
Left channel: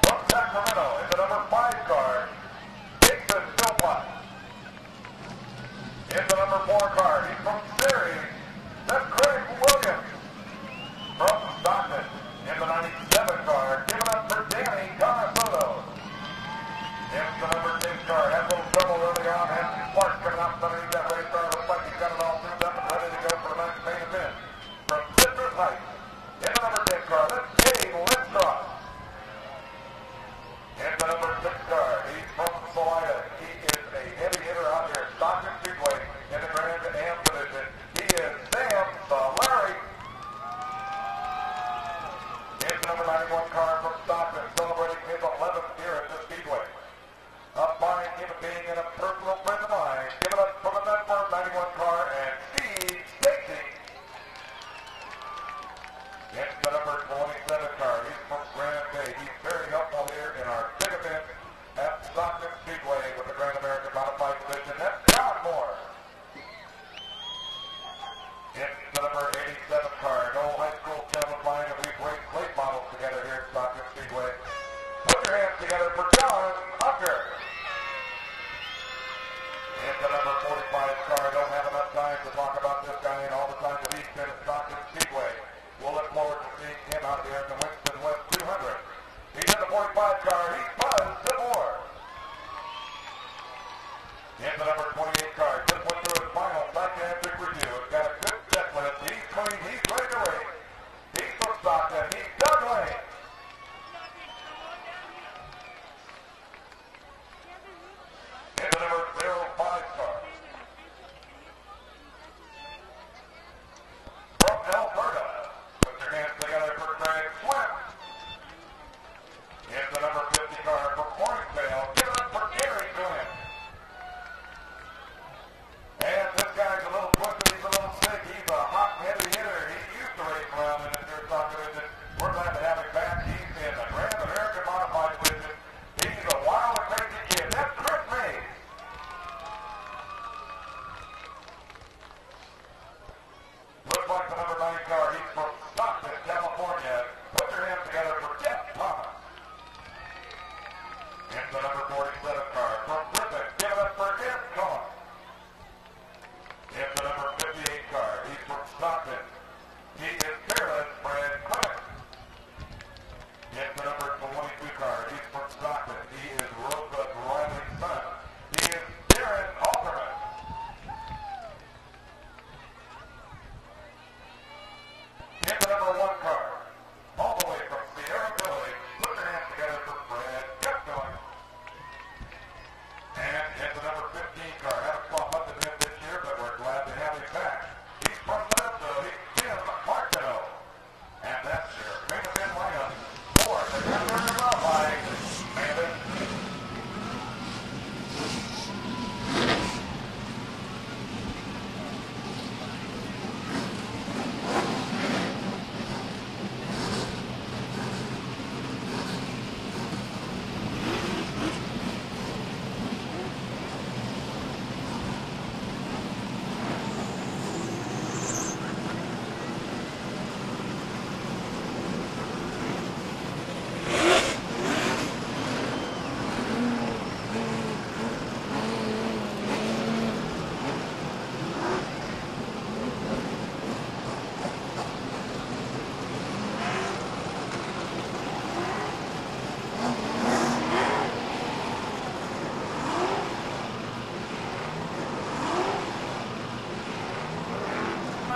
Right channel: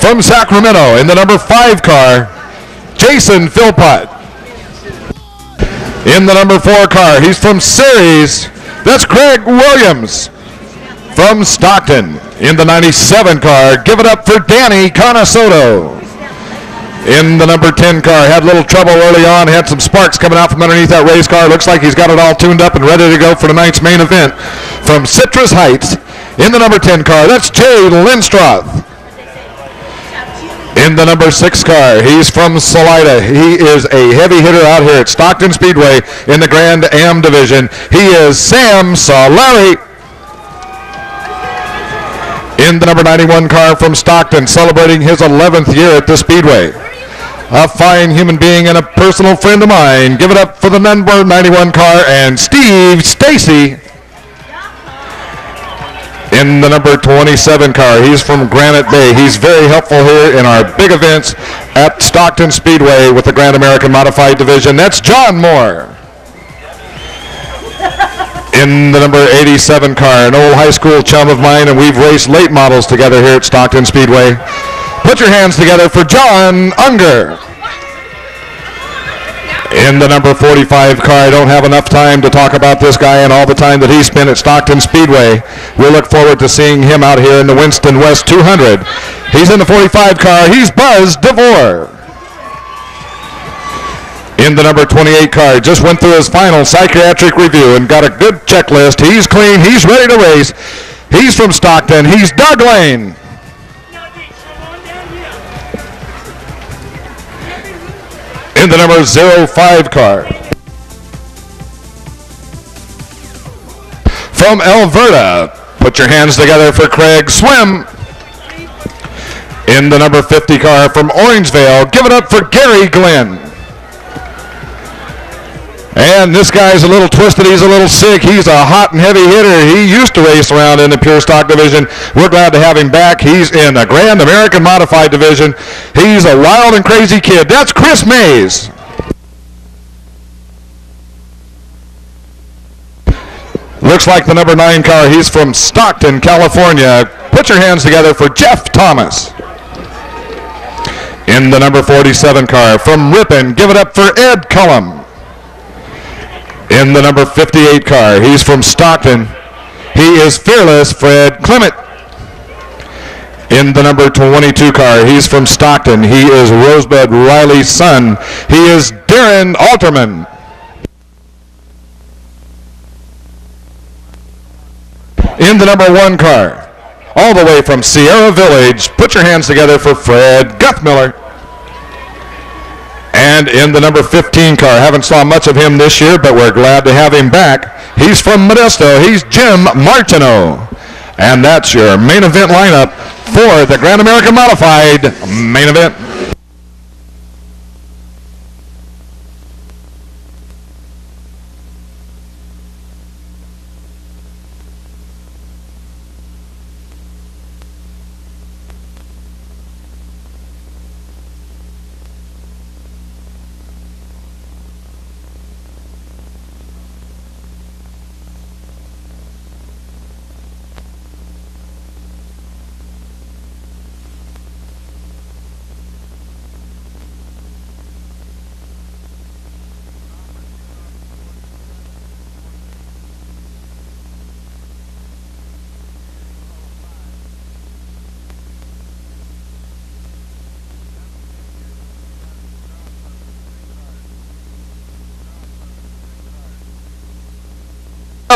From Sacramento, in the number 5 car, Jason Philpott. In the number 4 car, he's from Ceres. That's Greg Williams. From Stockton, in the 97 car, give it up for Danny Conasoto. In the number 10 car, had a little trouble early on, had some sparks coming out from underneath that race car. Looks like he's got it all tuned up and ready to go for tonight's main event. From Citrus Heights, in the number 10 car, that's Jay Lindstroth. In the number 6 car, he's from Salida. He is a heavy hitter out here at Stockton Speedway in the Grand Am division. He is Sam Solari. In the number 91 car from Stockton, celebrating his 11th year at the Speedway. A fine human being and a personal friend of mine. Give it up for the number 91 car and Steve Stacy. In the number 27 car, he's from Granite Bay. He's very helpful here in our big events at Stockton Speedway with the Grand American Modified Division. That's John Moore. In the number 87 car, an old high school chum of mine, and we've raced late models together here at Stockton Speedway. Put your hands together for John Unger. In the number 45 car, I don't have enough time to talk about this guy and all the time that he spent at Stockton Speedway. We look forward to seeing him out here in the Winston West 200. He's in the 45 car. He's Buzz DeVore. In the number 28 car, just went through his final psychiatric review and got a good checklist. He's clean. He's ready to race. He's from Stockton. He's Doug Lane. In the number 05 car, from Alberta, put your hands together for Craig Swim. In the number 50 car from Orangevale, give it up for Gary Glenn. And this guy's a little twisted. He's a little sick. He's a hot and heavy hitter. He used to race around in the pure stock division. We're glad to have him back. He's in the Grand American Modified division. He's a wild and crazy kid. That's Chris Mays. Looks like the number 9 car. He's from Stockton, California. Put your hands together for Jeff Thomas. In the number 47 car from Ripon, give it up for Ed Cullum. In the number 58 car, he's from Stockton. He is Fearless Fred Clement. In the number 22 car, he's from Stockton. He is Rosebud Riley's son. He is Darren Alterman. In the number 1 car, all the way from Sierra Village, put your hands together for Fred Guthmiller. And in the number 15 car, haven't saw much of him this year, but we're glad to have him back. He's from Modesto. He's Jim Martineau. And that's your main event lineup for the Grand American Modified main event.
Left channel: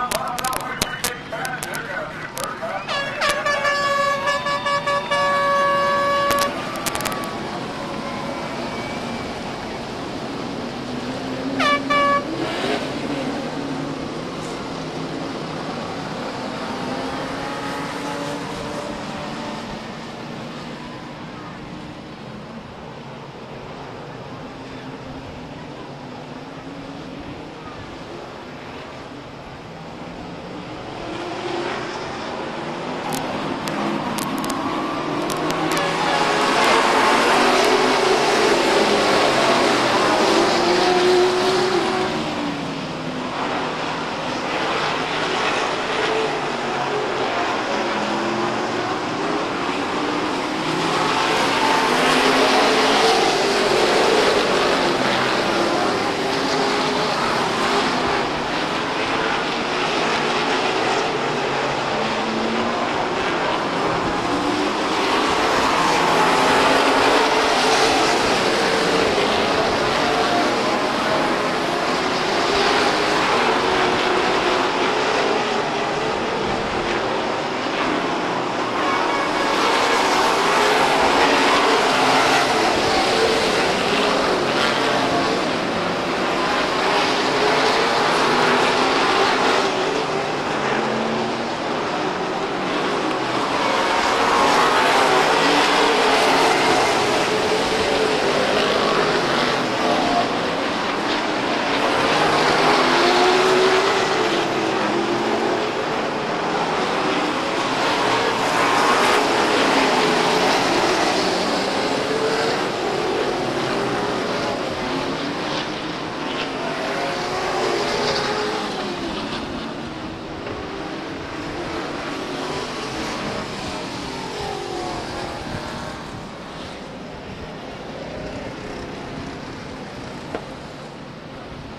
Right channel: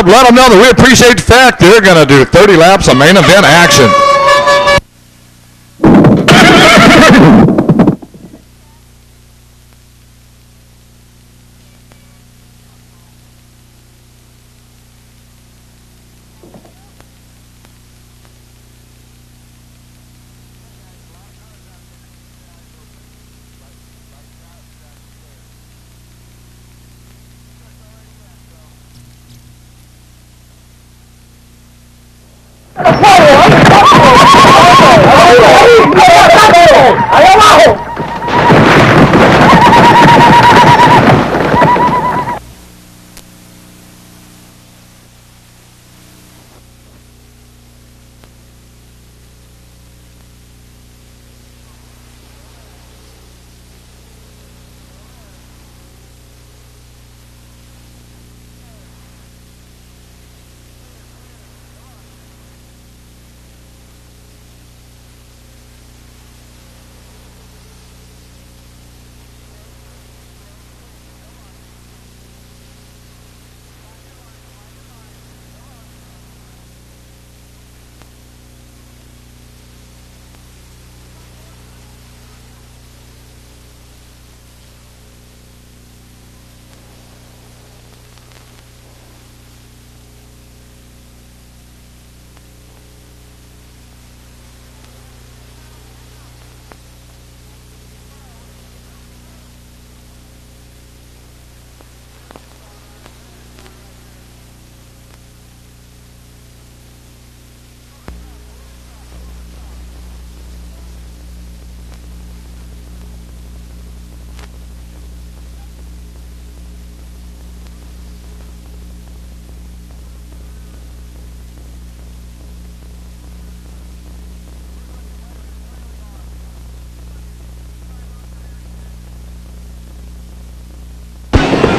Let them know that we appreciate the fact they're going to do 30 laps of main event action.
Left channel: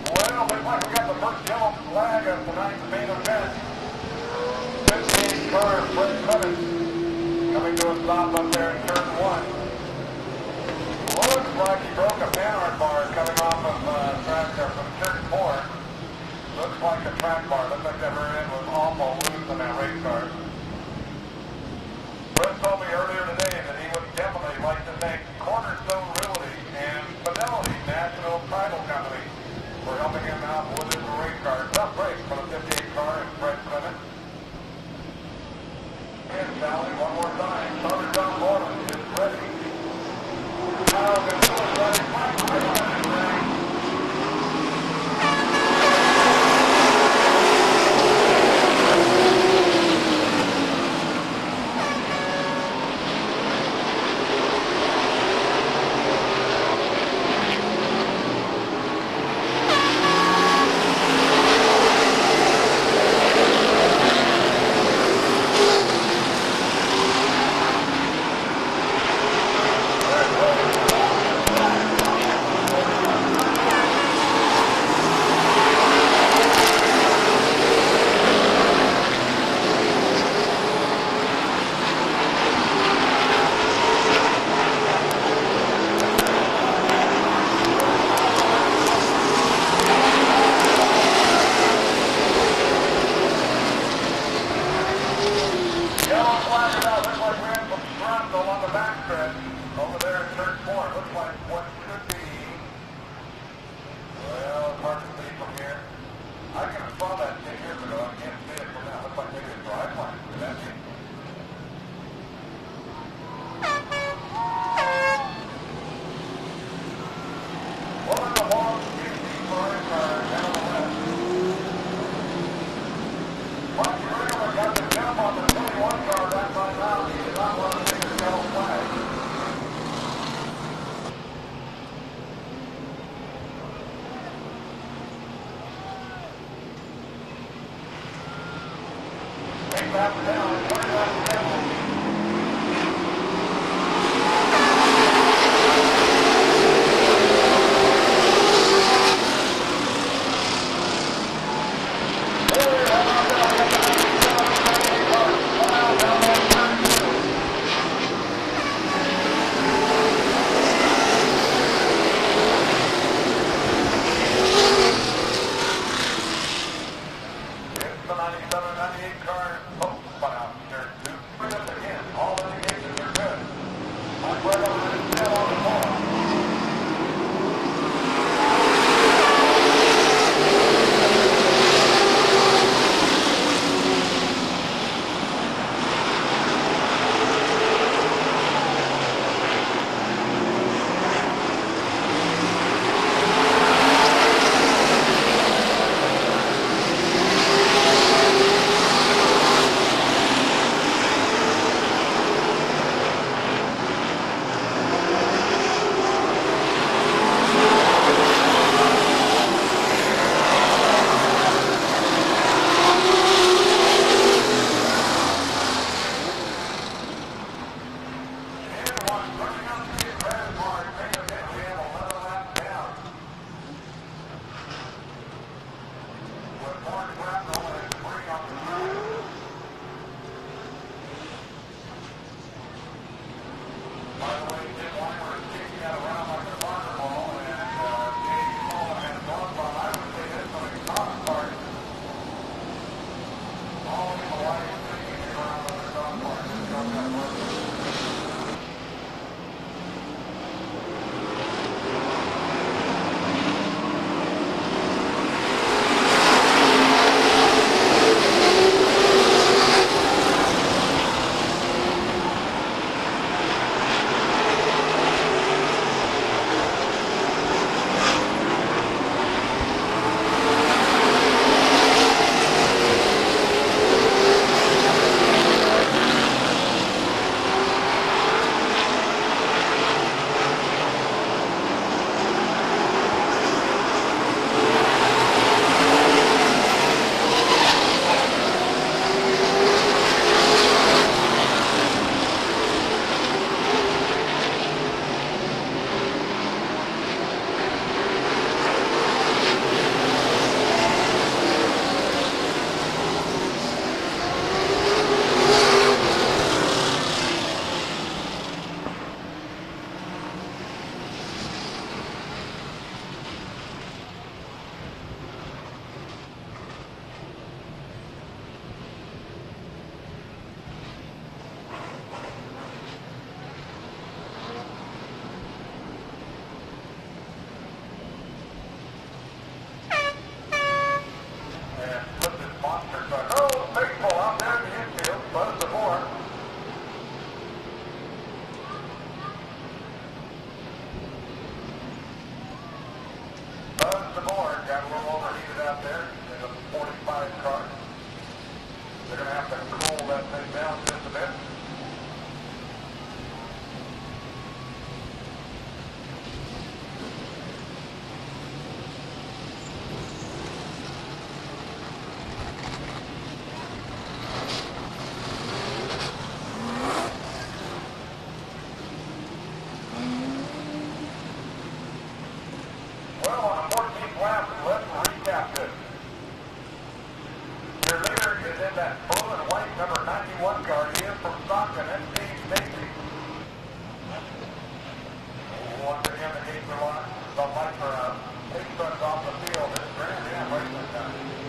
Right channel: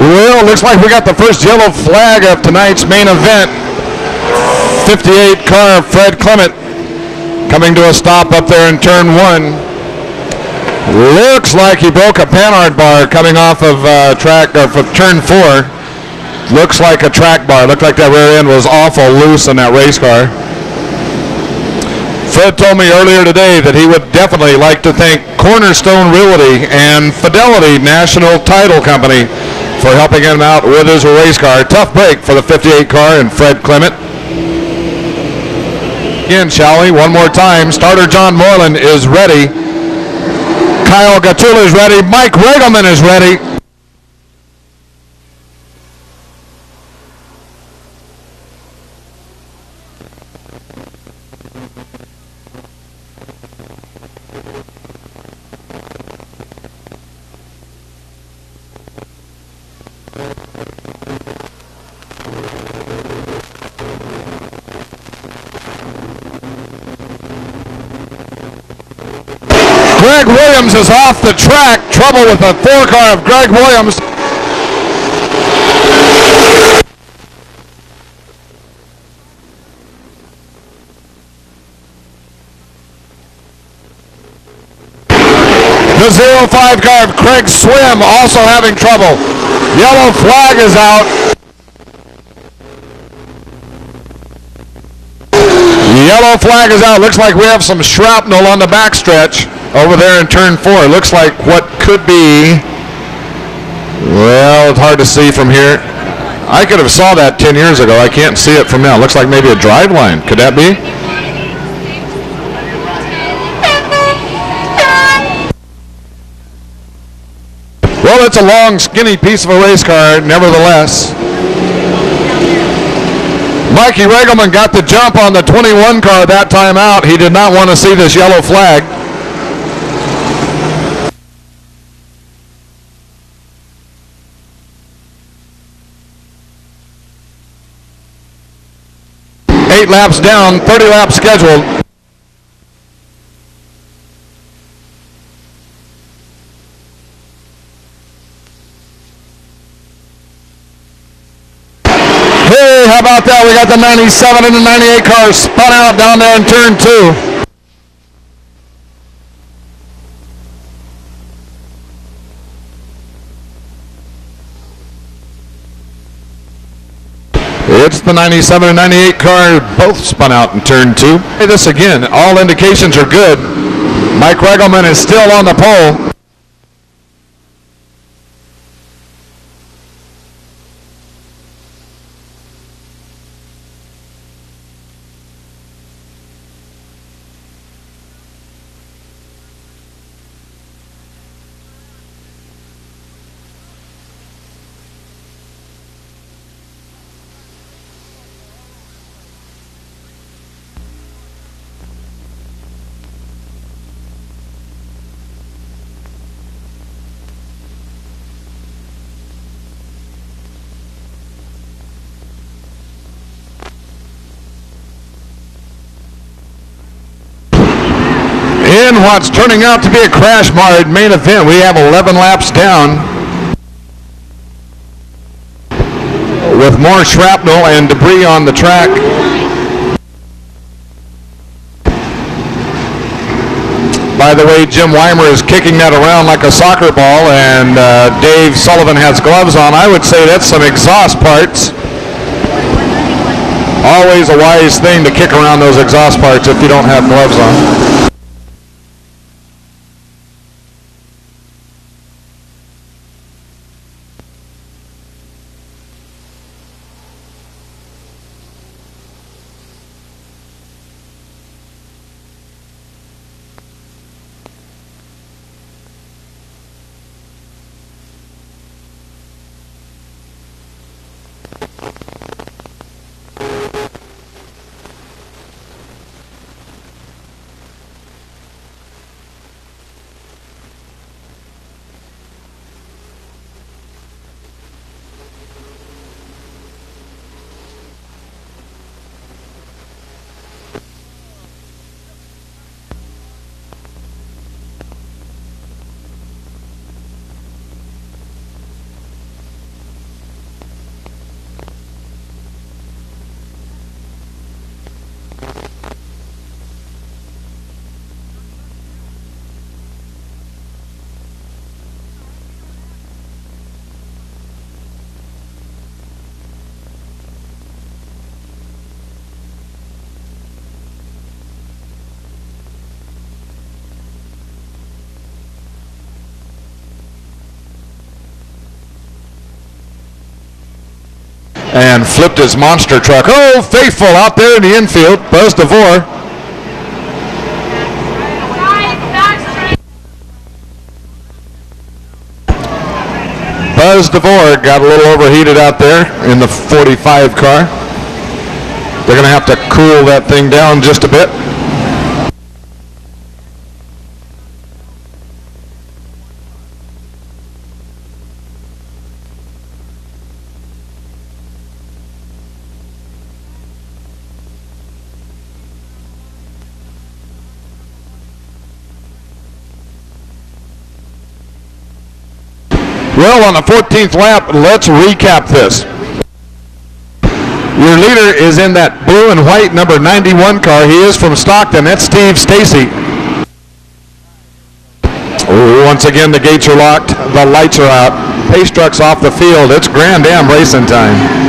Well, looks like we got the first yellow flag of tonight's main event. 58 car Fred Clement coming to a stop up there in turn 1. Looks like he broke a panhard bar coming off of track or from turn 4. Looks like a track bar. Looked like that rear end was awful loose on that race car. Fred told me earlier today that he would definitely like to thank Cornerstone Realty and Fidelity National Title Company for helping him out with his race car. Tough break for the 58 car and Fred Clement. Again, shall we? One more time. Starter John Moreland is ready. Kyle Gatula is ready. Mike Regelman is ready. Greg Williams is off the track. Trouble with the 4 car of Greg Williams. The 05 car of Craig Swim also having trouble. Yellow flag is out. Yellow flag is out. Looks like we have some shrapnel on the backstretch over there in turn 4. Looks like what could be, well, it's hard to see from here. I could have saw that 10 years ago. I can't see it from now. Looks like maybe a drive line. Could that be? Well, it's a long, skinny piece of a race car, nevertheless. Mikey Regelman got the jump on the 21 car that time out. He did not want to see this yellow flag. Eight laps down, 30 laps scheduled. Hey, how about that? We got the 97 and the 98 cars spun out down there in turn 2. It's the 97 and 98 car, both spun out in turn 2. Hey, this again, all indications are good. Mike Regelman is still on the pole. In what's turning out to be a crash-marred main event, we have 11 laps down with more shrapnel and debris on the track. By the way, Jim Weimer is kicking that around like a soccer ball, and Dave Sullivan has gloves on. I would say that's some exhaust parts. Always a wise thing to kick around those exhaust parts if you don't have gloves on. And flipped his monster truck. Oh, faithful out there in the infield. Buzz DeVore. Buzz DeVore got a little overheated out there in the 45 car. They're going to have to cool that thing down just a bit. Well, on the 14th lap, let's recap this. Your leader is in that blue and white number 91 car. He is from Stockton. That's Steve Stacy. Once again, the gates are locked. The lights are out. Pace truck's off the field. It's Grand Am racing time.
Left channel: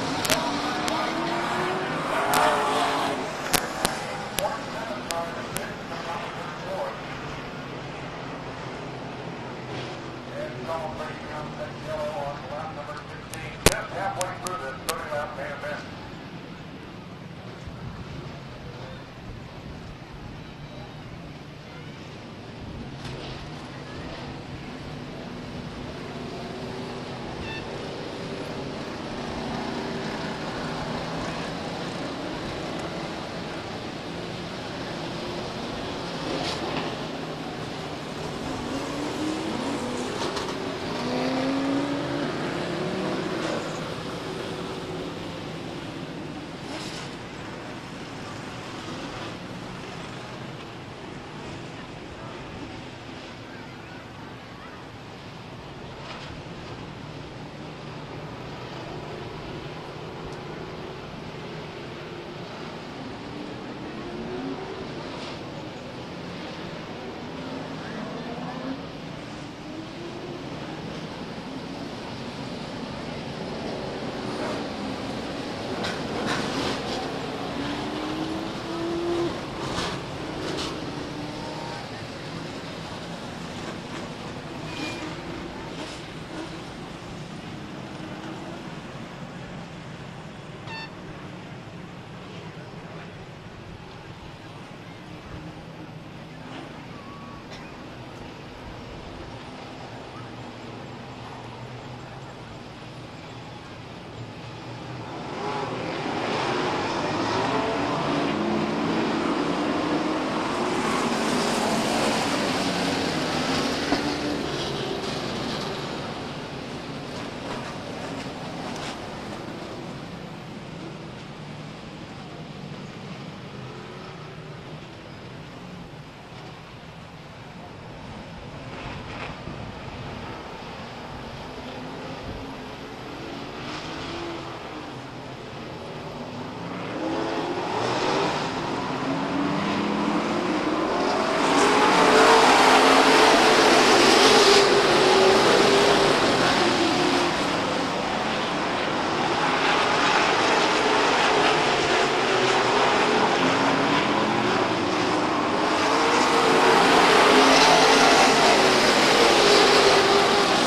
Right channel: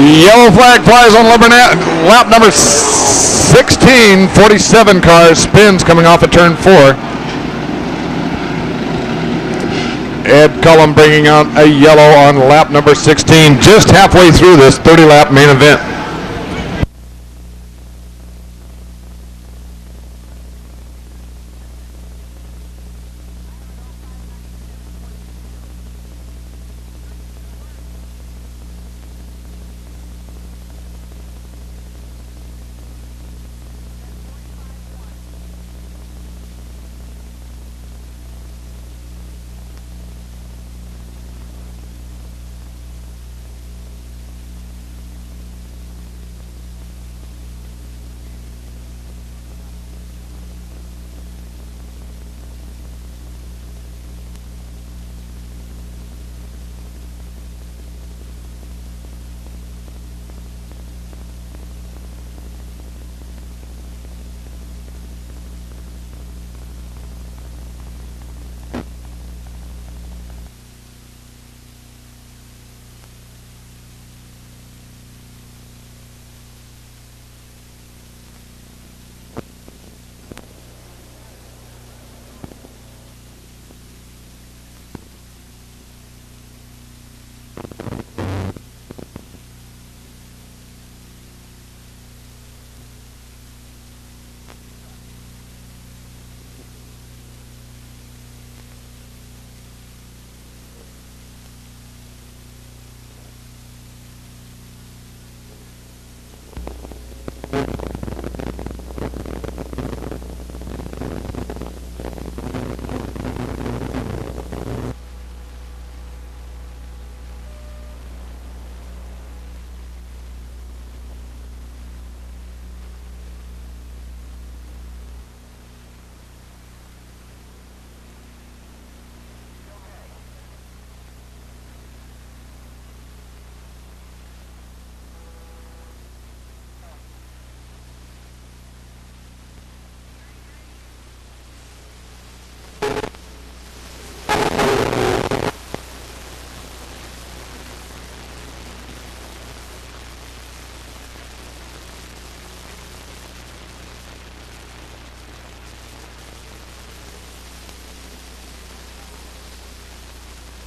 Yellow flag flies on lap number 16. 47 car spins coming off of turn 4. Ed Cullum bringing out a yellow on lap number 16, just halfway through this 30-lap main event.